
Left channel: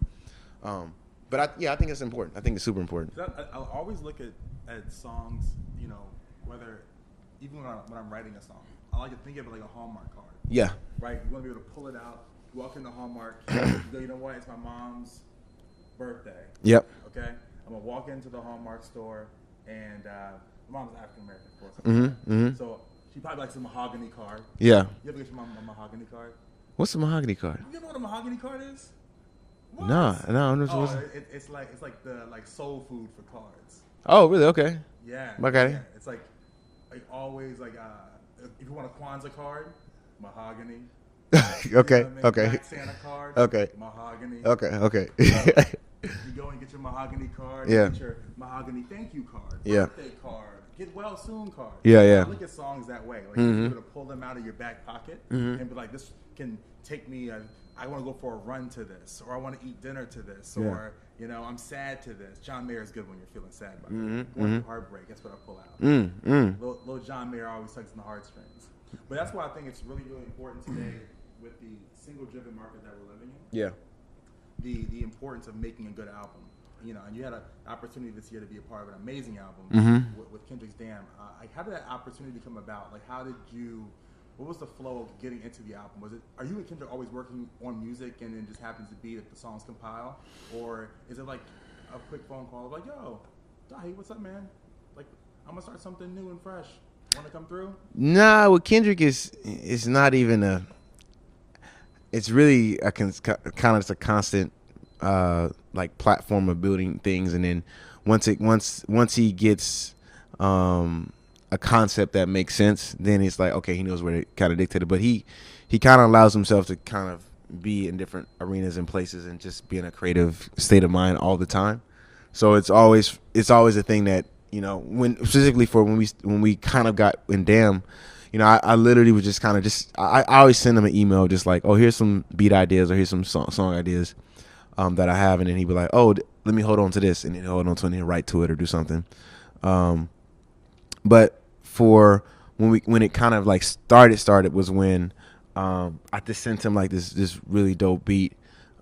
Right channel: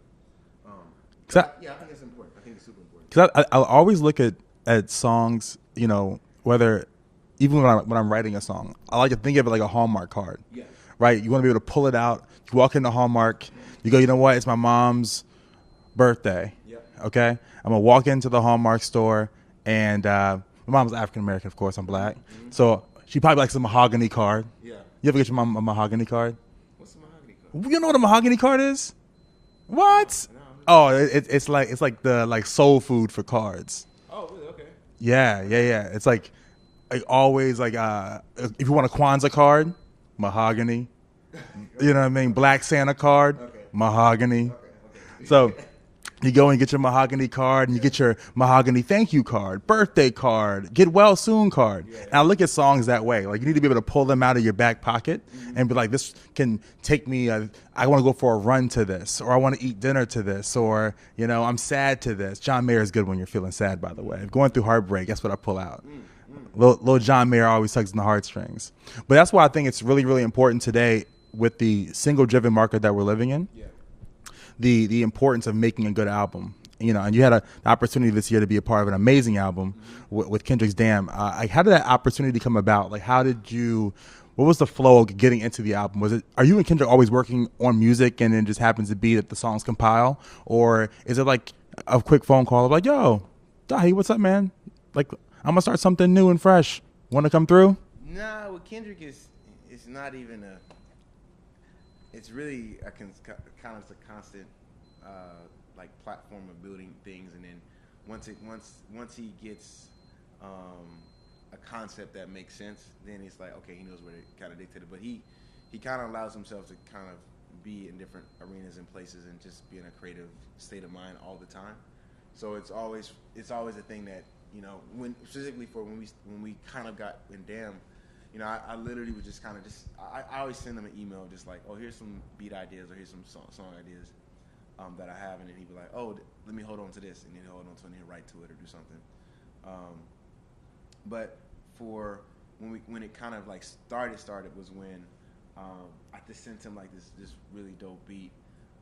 I think it's important. I think it's super important. Cause I always look at songs, whether even when I'm writing a song, I like to think of it like a Hallmark card. Yeah. Right. You want to be able to pull it out. You walk into Hallmark, you go, you know what? It's my mom's birthday. Yep. Okay. I'm gonna walk into the Hallmark store, and my mom's African American, of course. I'm black, so she probably likes a mahogany card. Yeah. You ever get your mom a mahogany card? What's a mahogany card? You know what a mahogany card is? What? No. Oh, it's like the soul food for cards. Oh, really? Okay. Yeah. Okay. Yeah. It's like always if you want a Kwanzaa card, mahogany. Okay. You know what I mean? Okay. Black Santa card. Okay. Mahogany. Okay. So you go and get your mahogany card. You get your mahogany thank you card, birthday card, get well soon card. Yeah. Now look at songs that way. Like you need to be able to pull them out of your back pocket and be like, this can take me. I want to go for a run to this, or I want to eat dinner to this, or I'm sad to this. John Mayer is good when you're feeling sad, by the way. Going through heartbreak, that's what I pull out. Little John Mayer always tugs in the heartstrings. But that's why I think it's really, really important today with the single-driven market that we're living in. Yeah. The importance of making a good album, and you had an opportunity this year to be a part of an amazing album with Kendrick's Damn. How did that opportunity come about? Like, what was the flow of getting into the album? Are you and Kendrick always working on music and it just happens to be that the songs compile? Or is it like a quick phone call of like, yo, Dahi, what's up, man? Like, I'm gonna start something new and fresh. Want to come through? Nah, with Kendrick is not even it's really kind of just a constant like platform of building things, and then once he gets a concept that makes sense, then it's like, okay, he knows where to kind of dictate it. But he kind of allows himself to kind of be in different arenas and places and just be in a creative state of mind all the time. So it's always a thing that, when specifically for when we kind of got in Damn, I literally was just kind of I always send him an email just like, oh, here's some beat ideas or here's some song ideas that I have, and then he'd be like, oh, let me hold on to this, and then he'll hold on to it and he'll write to it or do something. But for when it kind of like started was when I just sent him like this really dope beat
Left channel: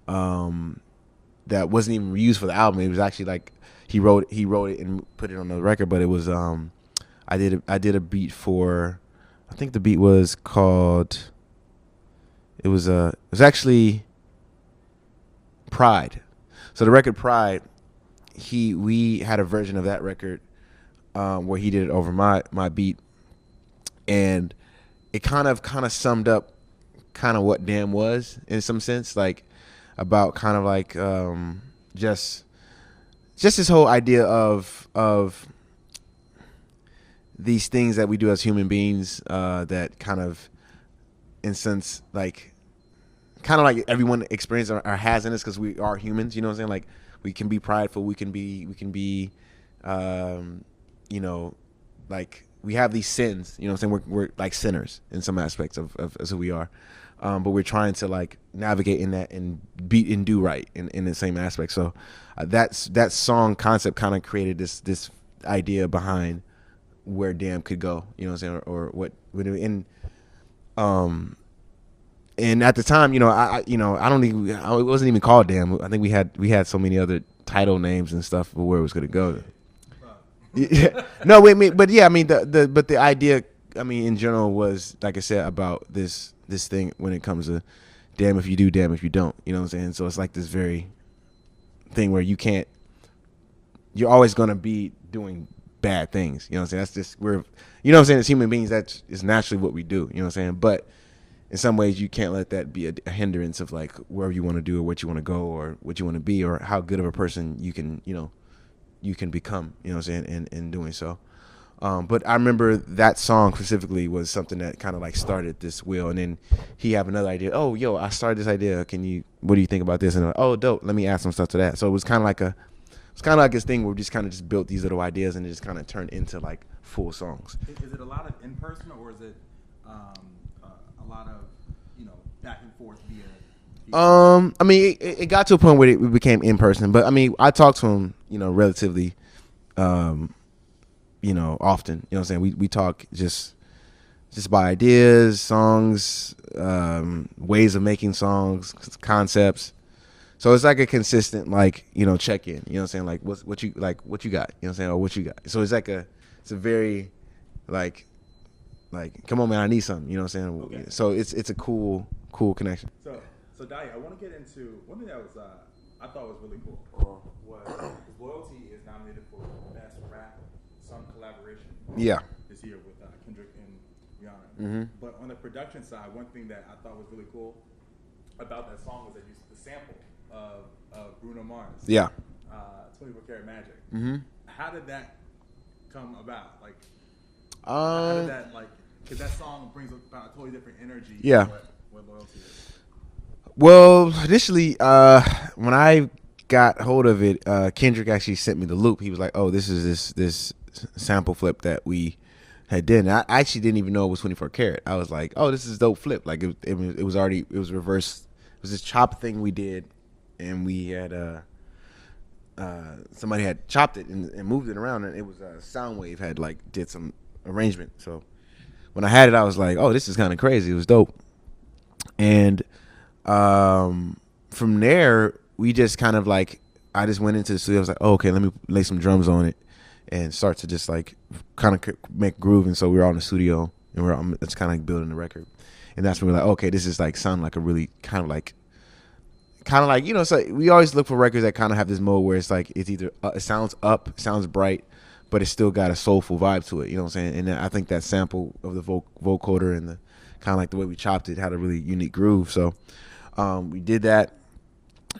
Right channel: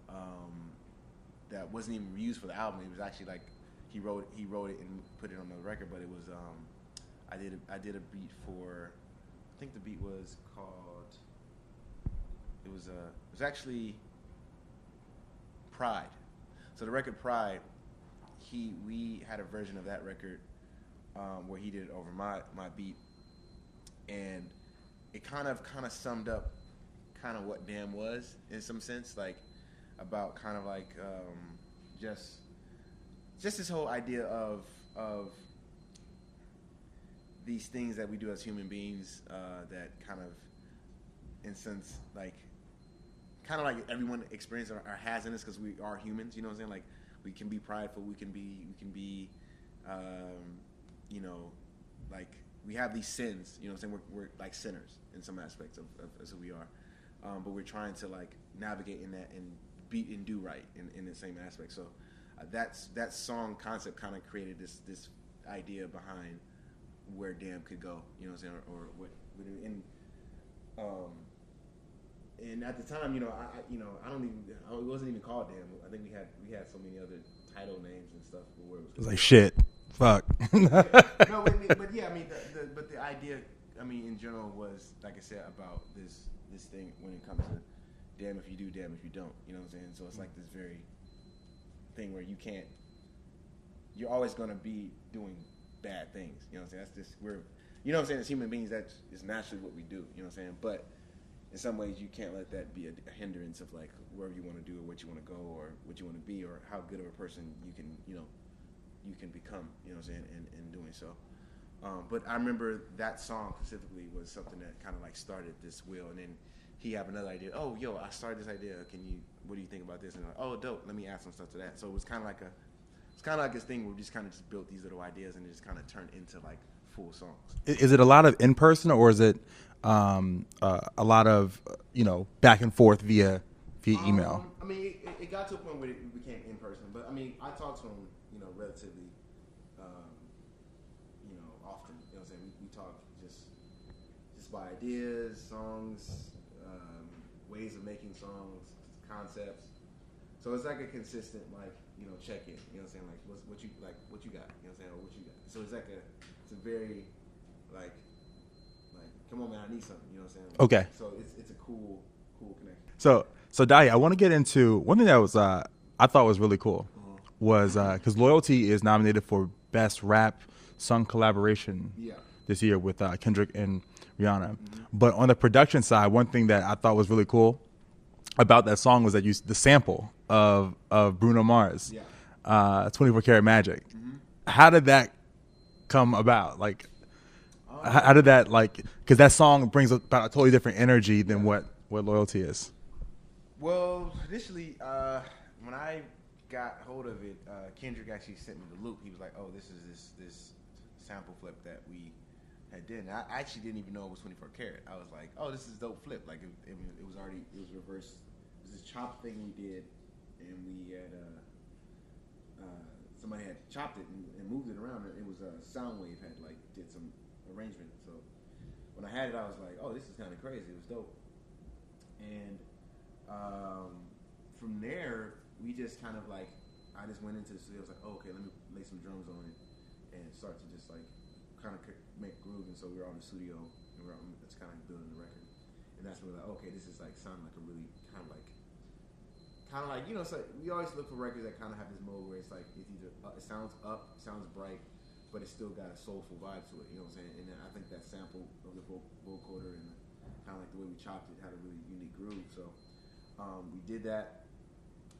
that wasn't even used for the album. It was actually like he wrote it and put it on the record, but it was I did a beat for, I think the beat was called, it was actually Pride. So the record Pride, we had a version of that record where he did it over my beat, and it kind of summed up kind of what Damn was in some sense, like about kind of like just this whole idea of these things that we do as human beings that kind of, in sense, like kind of like everyone experiences or has in us, because we are humans. You know what I'm saying? Like we can be prideful. We can be you know, like we have these sins. You know what I'm saying? We're like sinners in some aspects of who we are. But we're trying to like navigate in that and beat and do right in the same aspect. So that song concept kind of created this idea behind where Damn could go. You know what I'm saying? Or what would in and at the time, you know, it wasn't even called Damn. I think we had so many other title names and stuff for where it was going to go. Shit. Fuck. No, wait, but yeah, I mean the idea, I mean, in general was, like I said, about this thing when it comes to damn if you do, damn if you don't. You know what I'm saying? So it's like this very thing where you're always going to be doing bad things. You know what I'm saying? That's just, you know what I'm saying? As human beings, that is naturally what we do. You know what I'm saying? But in some ways, you can't let that be a hindrance of like wherever you want to do or what you want to go or what you want to be or how good of a person you can become. You know what I'm saying? In doing so. But I remember that song specifically was something that kind of like started this wheel, and then he had another idea. Oh, yo, I started this idea. What do you think about this? And I'm like, oh, dope. Let me add some stuff to that. So it was kind of like this thing where we just kind of just built these little ideas and it just kind of turned into like full songs. Is it a lot of in person, or is it a lot of back and forth via email? I mean, it got to a point where it became in person, but I mean, I talked to him, relatively, often. You know what I'm saying? We talk just about ideas, songs, ways of making songs, concepts. So it's like a consistent check in. You know what I'm saying? Like what you got? You know what I'm saying? Or what you got? So it's it's a very like come on man, I need something. You know what I'm saying? Okay. So it's a cool connection. So Dahi, I want to get into one thing that was I thought was really cool was because Loyalty is nominated for Best Rap Song Collaboration this year with Kendrick and Rihanna. Mm-hmm. But on the production side, one thing that I thought was really cool about that song was that the sample of Bruno Mars. 24 Karat Magic. Mm-hmm. How did that come about? Like, how did that because that song brings about a totally different energy than what Loyalty is. Well, initially, when I got hold of it, Kendrick actually sent me the loop. He was like, "Oh, this is this sample flip that we had did." And I actually didn't even know it was 24 karat. I was like, "Oh, this is dope flip." Like it was reversed. It was this chop thing we did, and we had somebody had chopped it and moved it around, and it was Soundwave had did some arrangement. So when I had it, I was like, "Oh, this is kind of crazy." It was dope, and from there we just kind of I just went into the studio. I was like, "Oh, okay, let me lay some drums on it." And start to just kind of make groove, and so we were all in the studio, and it's kind of building the record, and that's when we're like, okay, this is sound like a really kind of so we always look for records that kind of have this mode where it's it's either it sounds sounds bright, but it's still got a soulful vibe to it, you know what I'm saying? And I think that sample of the vocoder and the kind of the way we chopped it had a really unique groove, so we did that.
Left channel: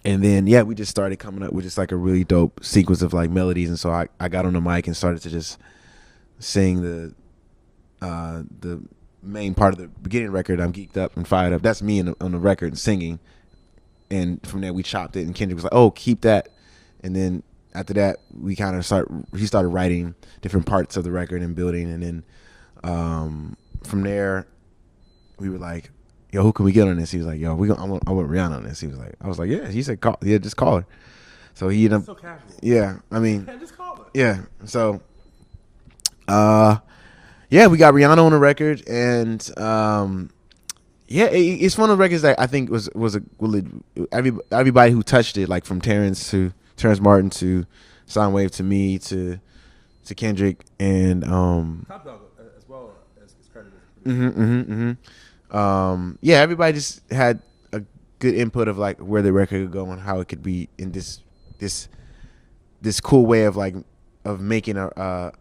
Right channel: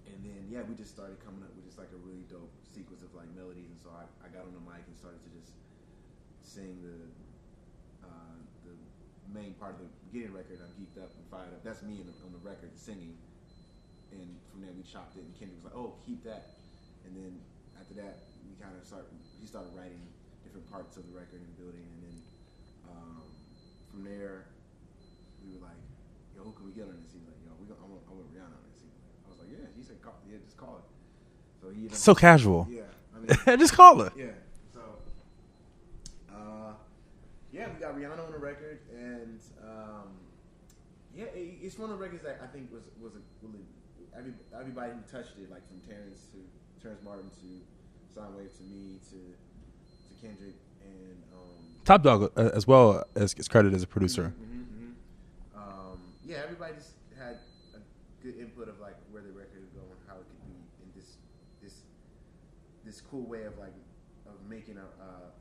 And then, we just started coming up with just a really dope sequence of melodies. And so I got on the mic and started to just sing the main part of the beginning record. I'm geeked up and fired up. That's me on the record singing. And from there we chopped it. And Kendrick was like, "Oh, keep that." And then after that, we kind of he started writing different parts of the record and building. And then from there, we were like, "Yo, who can we get on this?" He was like, "Yo, I want Rihanna on this." He was like, I was like, "Yeah." He said, just call her." So he ended up so casual. Yeah, I mean, just call her. Yeah. So, we got Rihanna on the record, and it's one of the records that I think was everybody who touched it, from Terrence Martin to Soundwave to me to Kendrick and Top Dog as well as credited as a producer. Mm-hmm. Everybody just had a good input of where the record could go and how it could be in this cool way of making a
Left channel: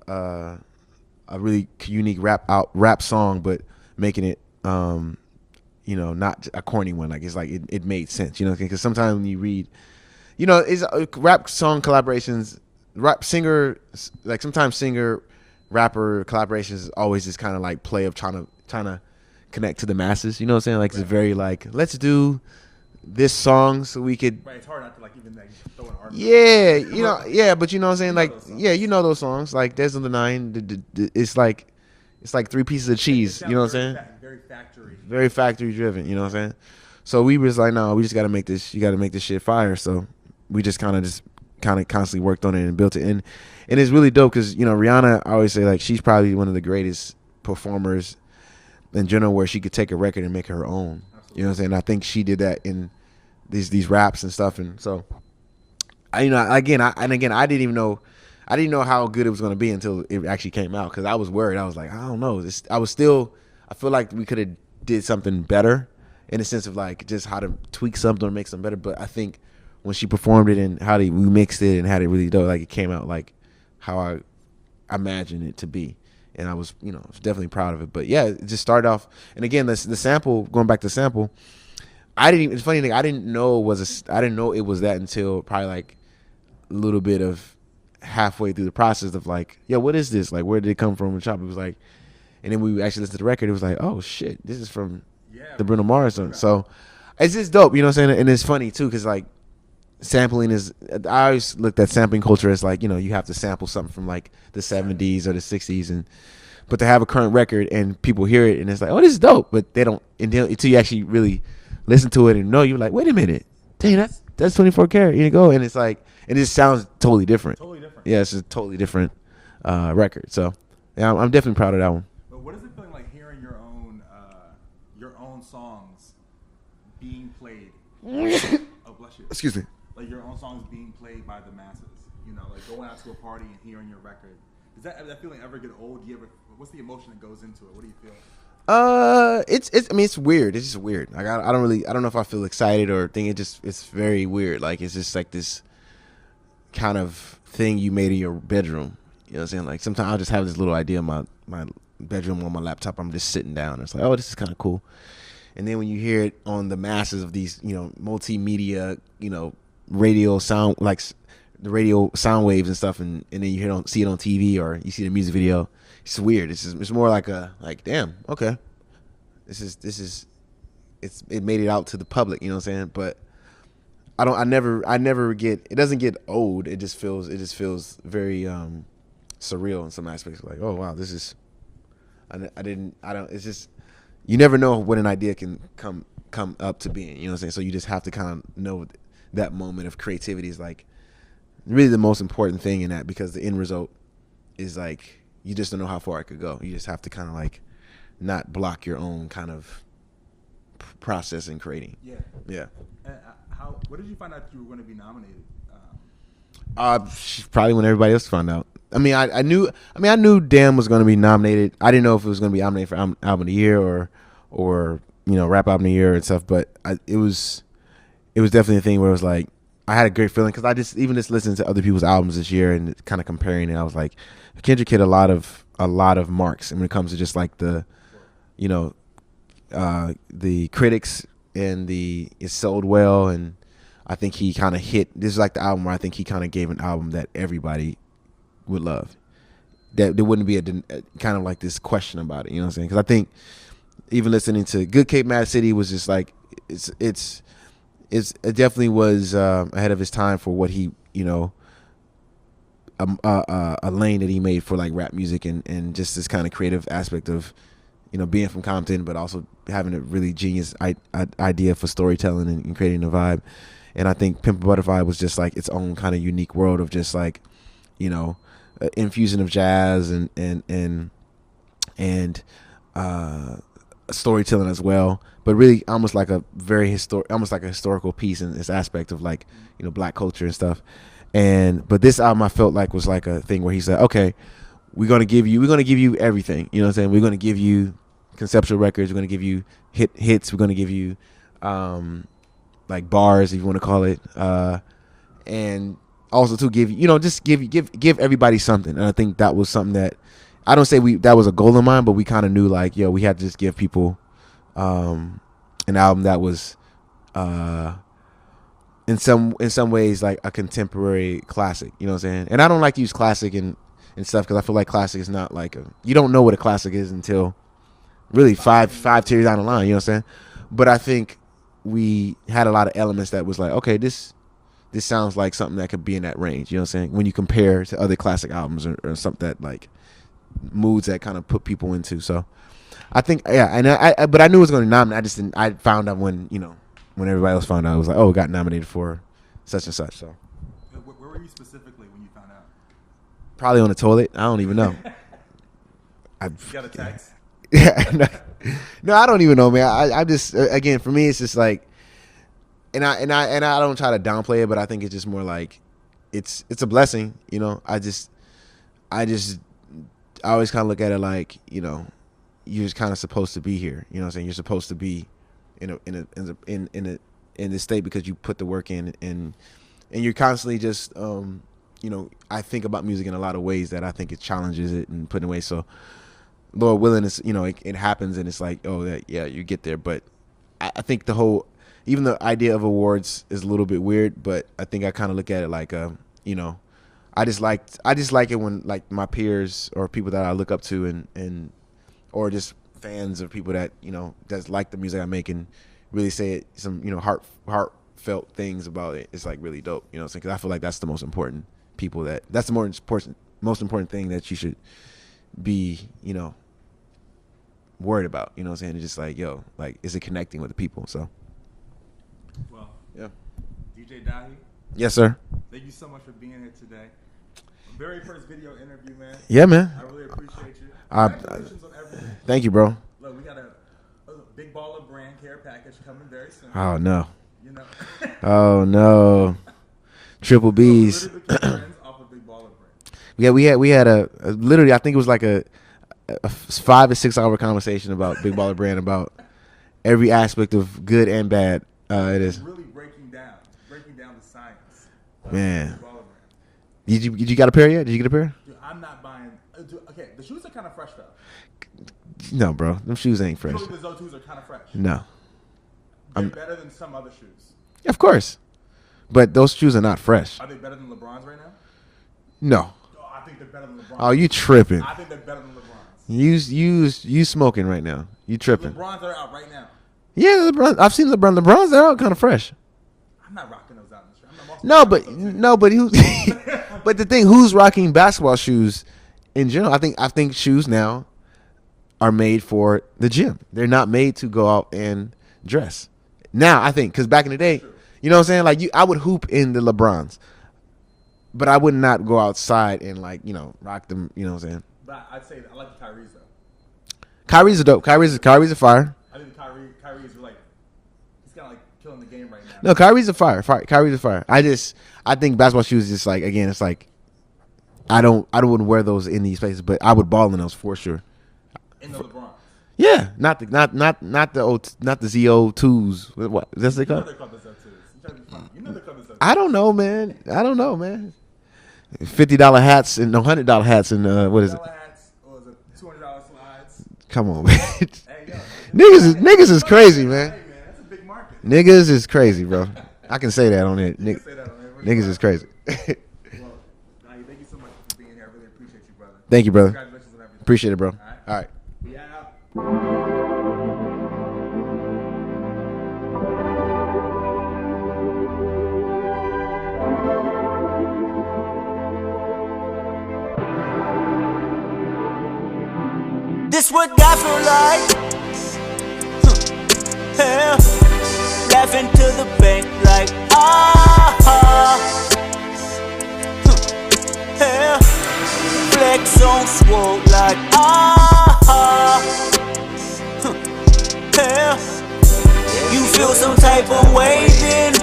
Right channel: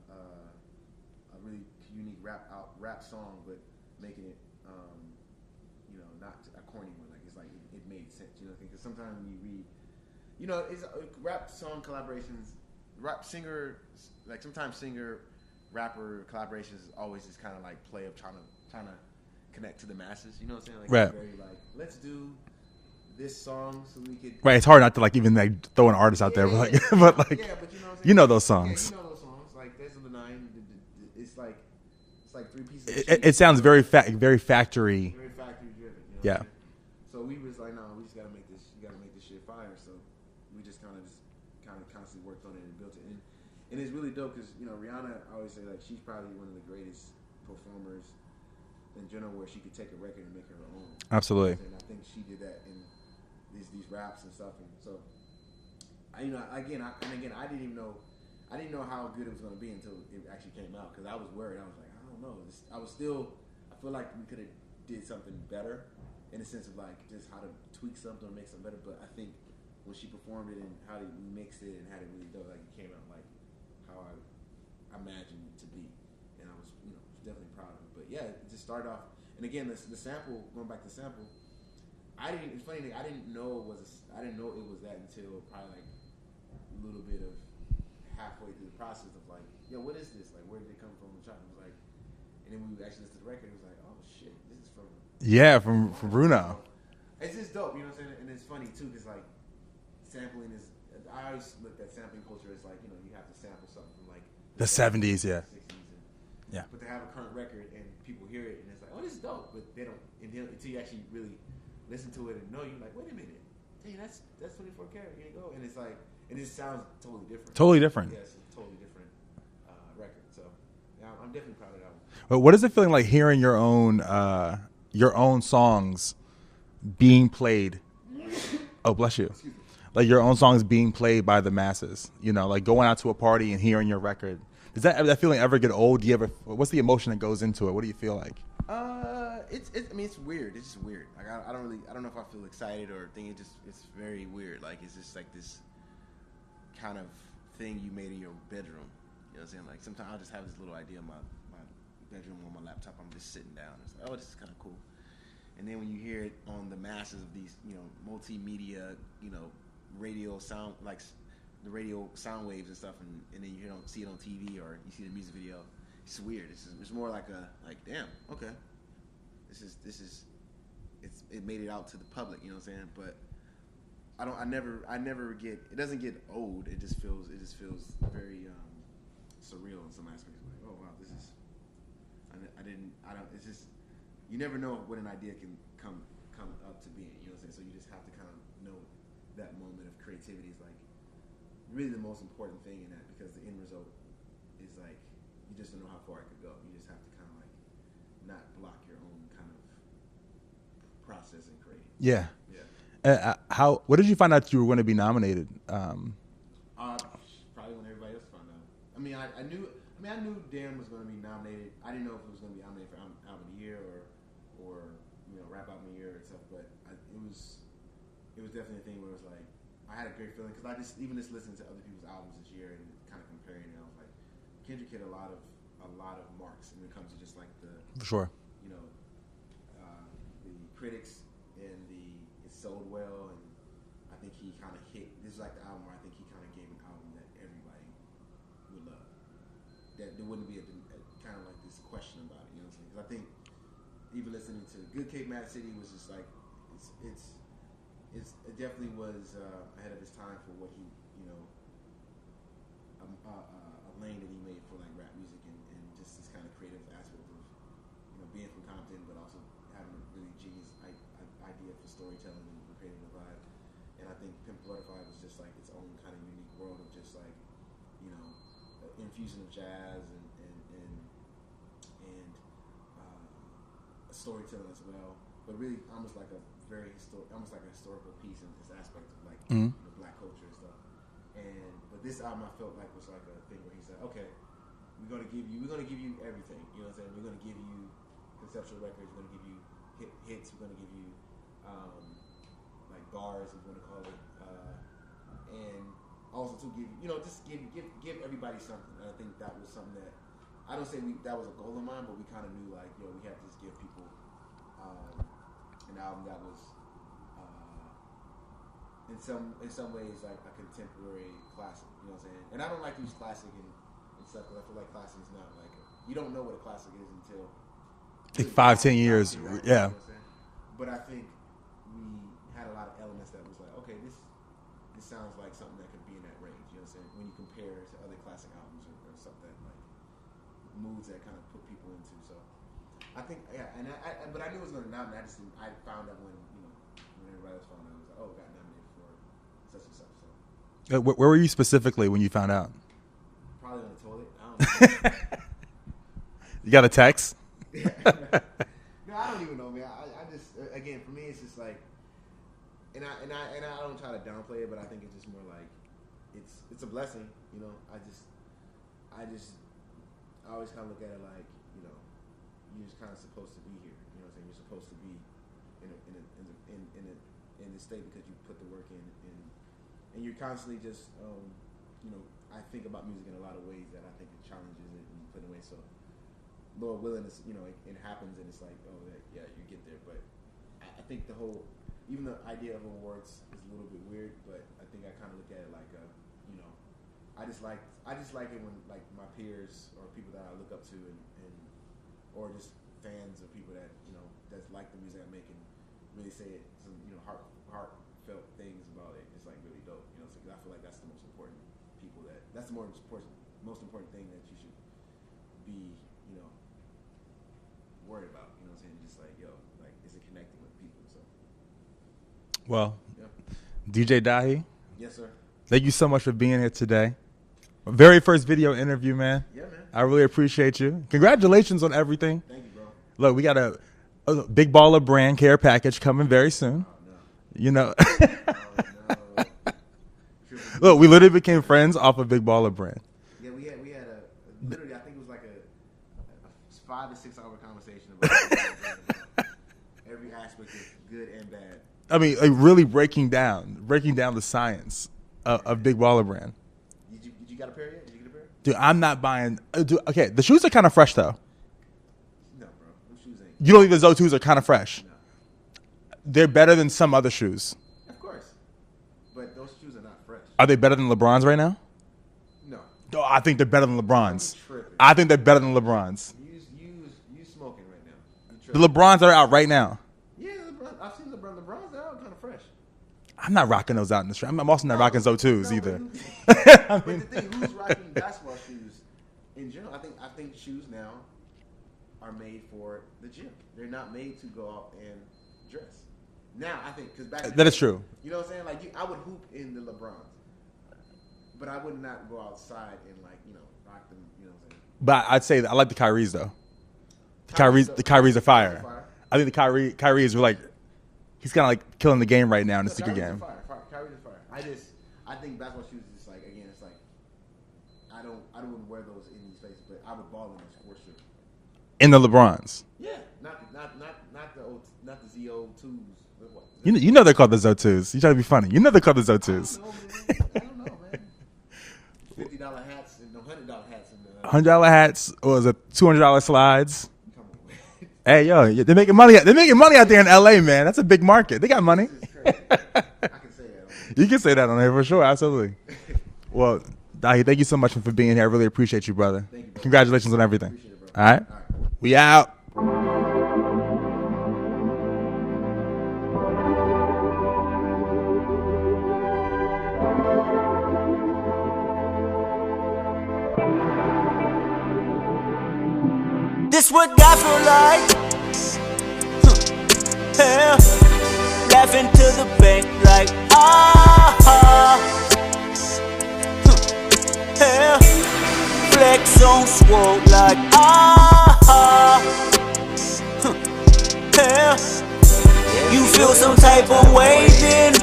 really unique rap song, but making it not a corny one. Like it's like it made sense, because sometimes when you read, it's rap song collaborations, rap singer, like sometimes singer rapper collaborations is always this kind of like play of trying to connect to the masses. You know what I'm saying? Like It's very like, let's do this song so we could. Right. It's hard not to like even like throw an artist out there. But you know what I'm saying? You know like, those songs. Yeah, you know those songs. Like There's the Nine. It's like 3 pieces of cheese. It sounds very very factory. Very factory driven. You know what I'm saying? So we was like, no, we just got to make this. You got to make this shit fire. So we just kind of constantly worked on it and built it. And it's really dope because, Rihanna, I always say, like, she's probably one of the greatest performers in general where she could take a record and make her own. Absolutely. You know what I'm saying? I think she did that in these raps and stuff. And so, I didn't even know. I didn't know how good it was going to be until it actually came out because I was worried. I was like, I don't know. I feel like we could have did something better in the sense of like just how to tweak something or make something better. But I think when she performed it and how we mixed it and had it really dope, like it came out like how I imagined it to be. And I was, definitely proud of it. But yeah, it just started off. And again, the sample, going back to sample, it's funny thing, I didn't know it was that until probably like a little bit of halfway through the process of like, yo, what is this? Like, where did it come from? And Chop, it was like, and then we actually listened to the record. It was like, oh shit, this is from the Bruno Mars song. So it's just dope, you know what I'm saying? And it's funny too, because like sampling is, I always looked at sampling culture as like, you have to sample something from like the 70s or the 60s, and but to have a current record and people hear it and it's like, oh, this is dope, but they don't until you actually really listen to it and know, you're like, wait a minute, dang, that's 24 karat. You go, and it's like, and it just sounds totally different. Totally different. Yeah, it's a totally different record. So yeah, I'm definitely proud of that one. But what is it feeling like hearing your own songs being played? Oh, bless you. Excuse me. Like your own songs being played by the masses. Like going out to a party and hearing your record. Does that feeling ever get old? What's the emotion that goes into it? What do you feel like? It's weird. It's just weird. Like I don't know if I feel excited or think it's very weird. Like it's just like this kind of thing you made in your bedroom. You know what I'm saying? Like sometimes I'll just have this little idea in my bedroom on my laptop. I'm just sitting down. It's like, oh, this is kind of cool. And then when you hear it on the masses of these, multimedia, radio sound, like the radio sound waves and stuff, and then you see it on TV or you see the music video, it's weird. It's more like damn, okay, it made it out to the public. You know what I'm saying? But I never get, it doesn't get old. It just feels very surreal in some aspects. Like, oh wow, this is, it's just, you never know when an idea can come up to being, you know what I'm saying? So you just have to kind of know that moment of creativity is like really the most important thing in that, because the end result is like, you just don't know how far it could go. You just have to kind of like not block your own kind of process in creating. Yeah. Yeah. What did you find out you were going to be nominated? Probably when everybody else found out. I knew DAMN was going to be nominated. I didn't know if it was going to be nominated for album of the year or rap album of the year and stuff. But it was definitely a thing where it was like, I had a great feeling because I just listened to other people's albums this year and kind of comparing it. I was like, Kendrick hit a lot of marks, and when it comes to just like the sure, the critics and it sold well, and I think he kind of hit. This is like the album where I think he kind of gave an album that everybody would love. That there wouldn't be a kind of like this question about it. You know what I'm saying? Because I think even listening to Good Cape Mad City was just like it definitely was ahead of his time for what he a lane that he made for like rap music and just this kind of creative aspect of being from Compton, but also having a really genius idea for storytelling and creating a vibe. And I think Pimp a Butterfly was just like its own kind of unique world of just like infusion of jazz and storytelling as well, but really almost like a historical piece in this aspect of like black culture and stuff. But this album I felt like was like a thing where he said, okay, we're gonna give you everything. You know what I'm saying? We're gonna give you conceptual records. We're gonna give you hits. We're gonna give you like bars, if you want to call it, and also to give give everybody something. And I think that was something that I don't say that was a goal of mine, but we kind of knew like, yo, we had to just give people an album that was in some ways like a contemporary classic. You know what I'm saying? And I don't like to use classic and stuff because I feel like classic is not like you don't know what a classic is until really five years down the line. You know what I'm saying? But I think we had a lot of elements that was like, okay, this sounds like something that could be in that range. You know what I'm saying? When you compare to other classic albums or something that like moods that kind of put people into. So I think, yeah, and but I knew it was going to nominate. I just didn't. I found out when everybody else found out, it was like, oh, it got nominated for such and such. So where were you specifically when you found out? Probably on the toilet. I don't even know. You got a text? Yeah. No, I don't even know, man. I just, again, for me, it's just like, and I don't try to downplay it, but I think it's just more like, it's a blessing, you know. I always kind of look at it like, you know, you're just kind of supposed to be here. You know what I'm saying? You're supposed to be in this state because you put the work in, and you're constantly just, you know, I think about music in a lot of ways that I think it challenges it and put in ways. So, Lord willing, it's, you know, it happens, and it's like, oh, yeah, you get there. But I think even the idea of awards is a little bit weird, but I think I kind of look at it like, you know, I just like it when like my peers or people that I look up to and or just fans of people that, you know, that like the music I make and really say some, you know, heartfelt things about it. It's like really dope, you know what I'm saying? Because I feel like that's the most important that's the most important thing that you should be, you know, worried about, you know what I'm saying? It's just like, yo, like, is it connecting with the people? So, well, yeah. DJ Dahi. Yes, sir. Thank you so much for being here today. Very first video interview, man. Yeah, man. I really appreciate you. Congratulations on everything. Thank you, bro. Look, we got a big baller brand care package coming very soon. Oh, no. You know. Oh, no. Triple B. Look, we literally became friends off of Big Baller Brand. Yeah, we had a literally, I think it was like a 5 to 6 hour conversation about Big Baller Brand, about every aspect of good and bad. I mean, like really breaking down the science of Big Baller Brand. Did you got a pair yet? Did you get a pair? Dude, I'm not buying. Okay, the shoes are kind of fresh though. No, bro, them shoes ain't fresh. You don't think the Zo2s are kind of fresh? No, they're better than some other shoes. Of course, but those shoes are not fresh. Are they better than LeBron's right now? No. Oh, I think they're better than LeBron's. Oh, you tripping? I think they're better than LeBron's. You smoking right now? You tripping? The LeBron's are out right now. Yeah, LeBron. I've seen LeBron. LeBron's they're out kind of fresh. I'm not rocking those out in the street. I'm also not rocking those too. No, but but the thing, who's rocking basketball shoes in general? I think shoes now are made for the gym. They're not made to go out and dress. Now I think because back in the day, that's true. You know what I'm saying? Like I would hoop in the LeBrons, but I would not go outside and like, you know, rock them. You know what I'm saying? But I'd say that I like the Kyrie's though. Kyrie's dope. Kyrie's a fire. I think the Kyrie is like, he's kind of like killing the game right now. No, Kyrie's a fire. Kyrie's a fire. I think basketball shoes is just like, again, it's like, I wouldn't wear those in these places, but I would ball in those for sure. In the LeBrons. Yeah, not the ZO2s. What? You know they're called the Zo2s. You try to be funny. You know they're called the Zo2s. I don't know, man. $50 hats and $100 hats and $100 hats or the $200 slides. Come on, man. Hey, yo, they're making money. They're making money out there in LA, man. That's a big market. They got niggas money. Is crazy, bro. I can say that on it. You can say that on there for sure. Absolutely. Well, Dahi, thank you so much for being here. I really appreciate you, brother. Thank you, brother. Congratulations on everything. Appreciate it, bro. All right. We out. This what God feel like. Yeah. Laughing to the bank like yeah. Flex on swole like yeah. You feel some type of way, then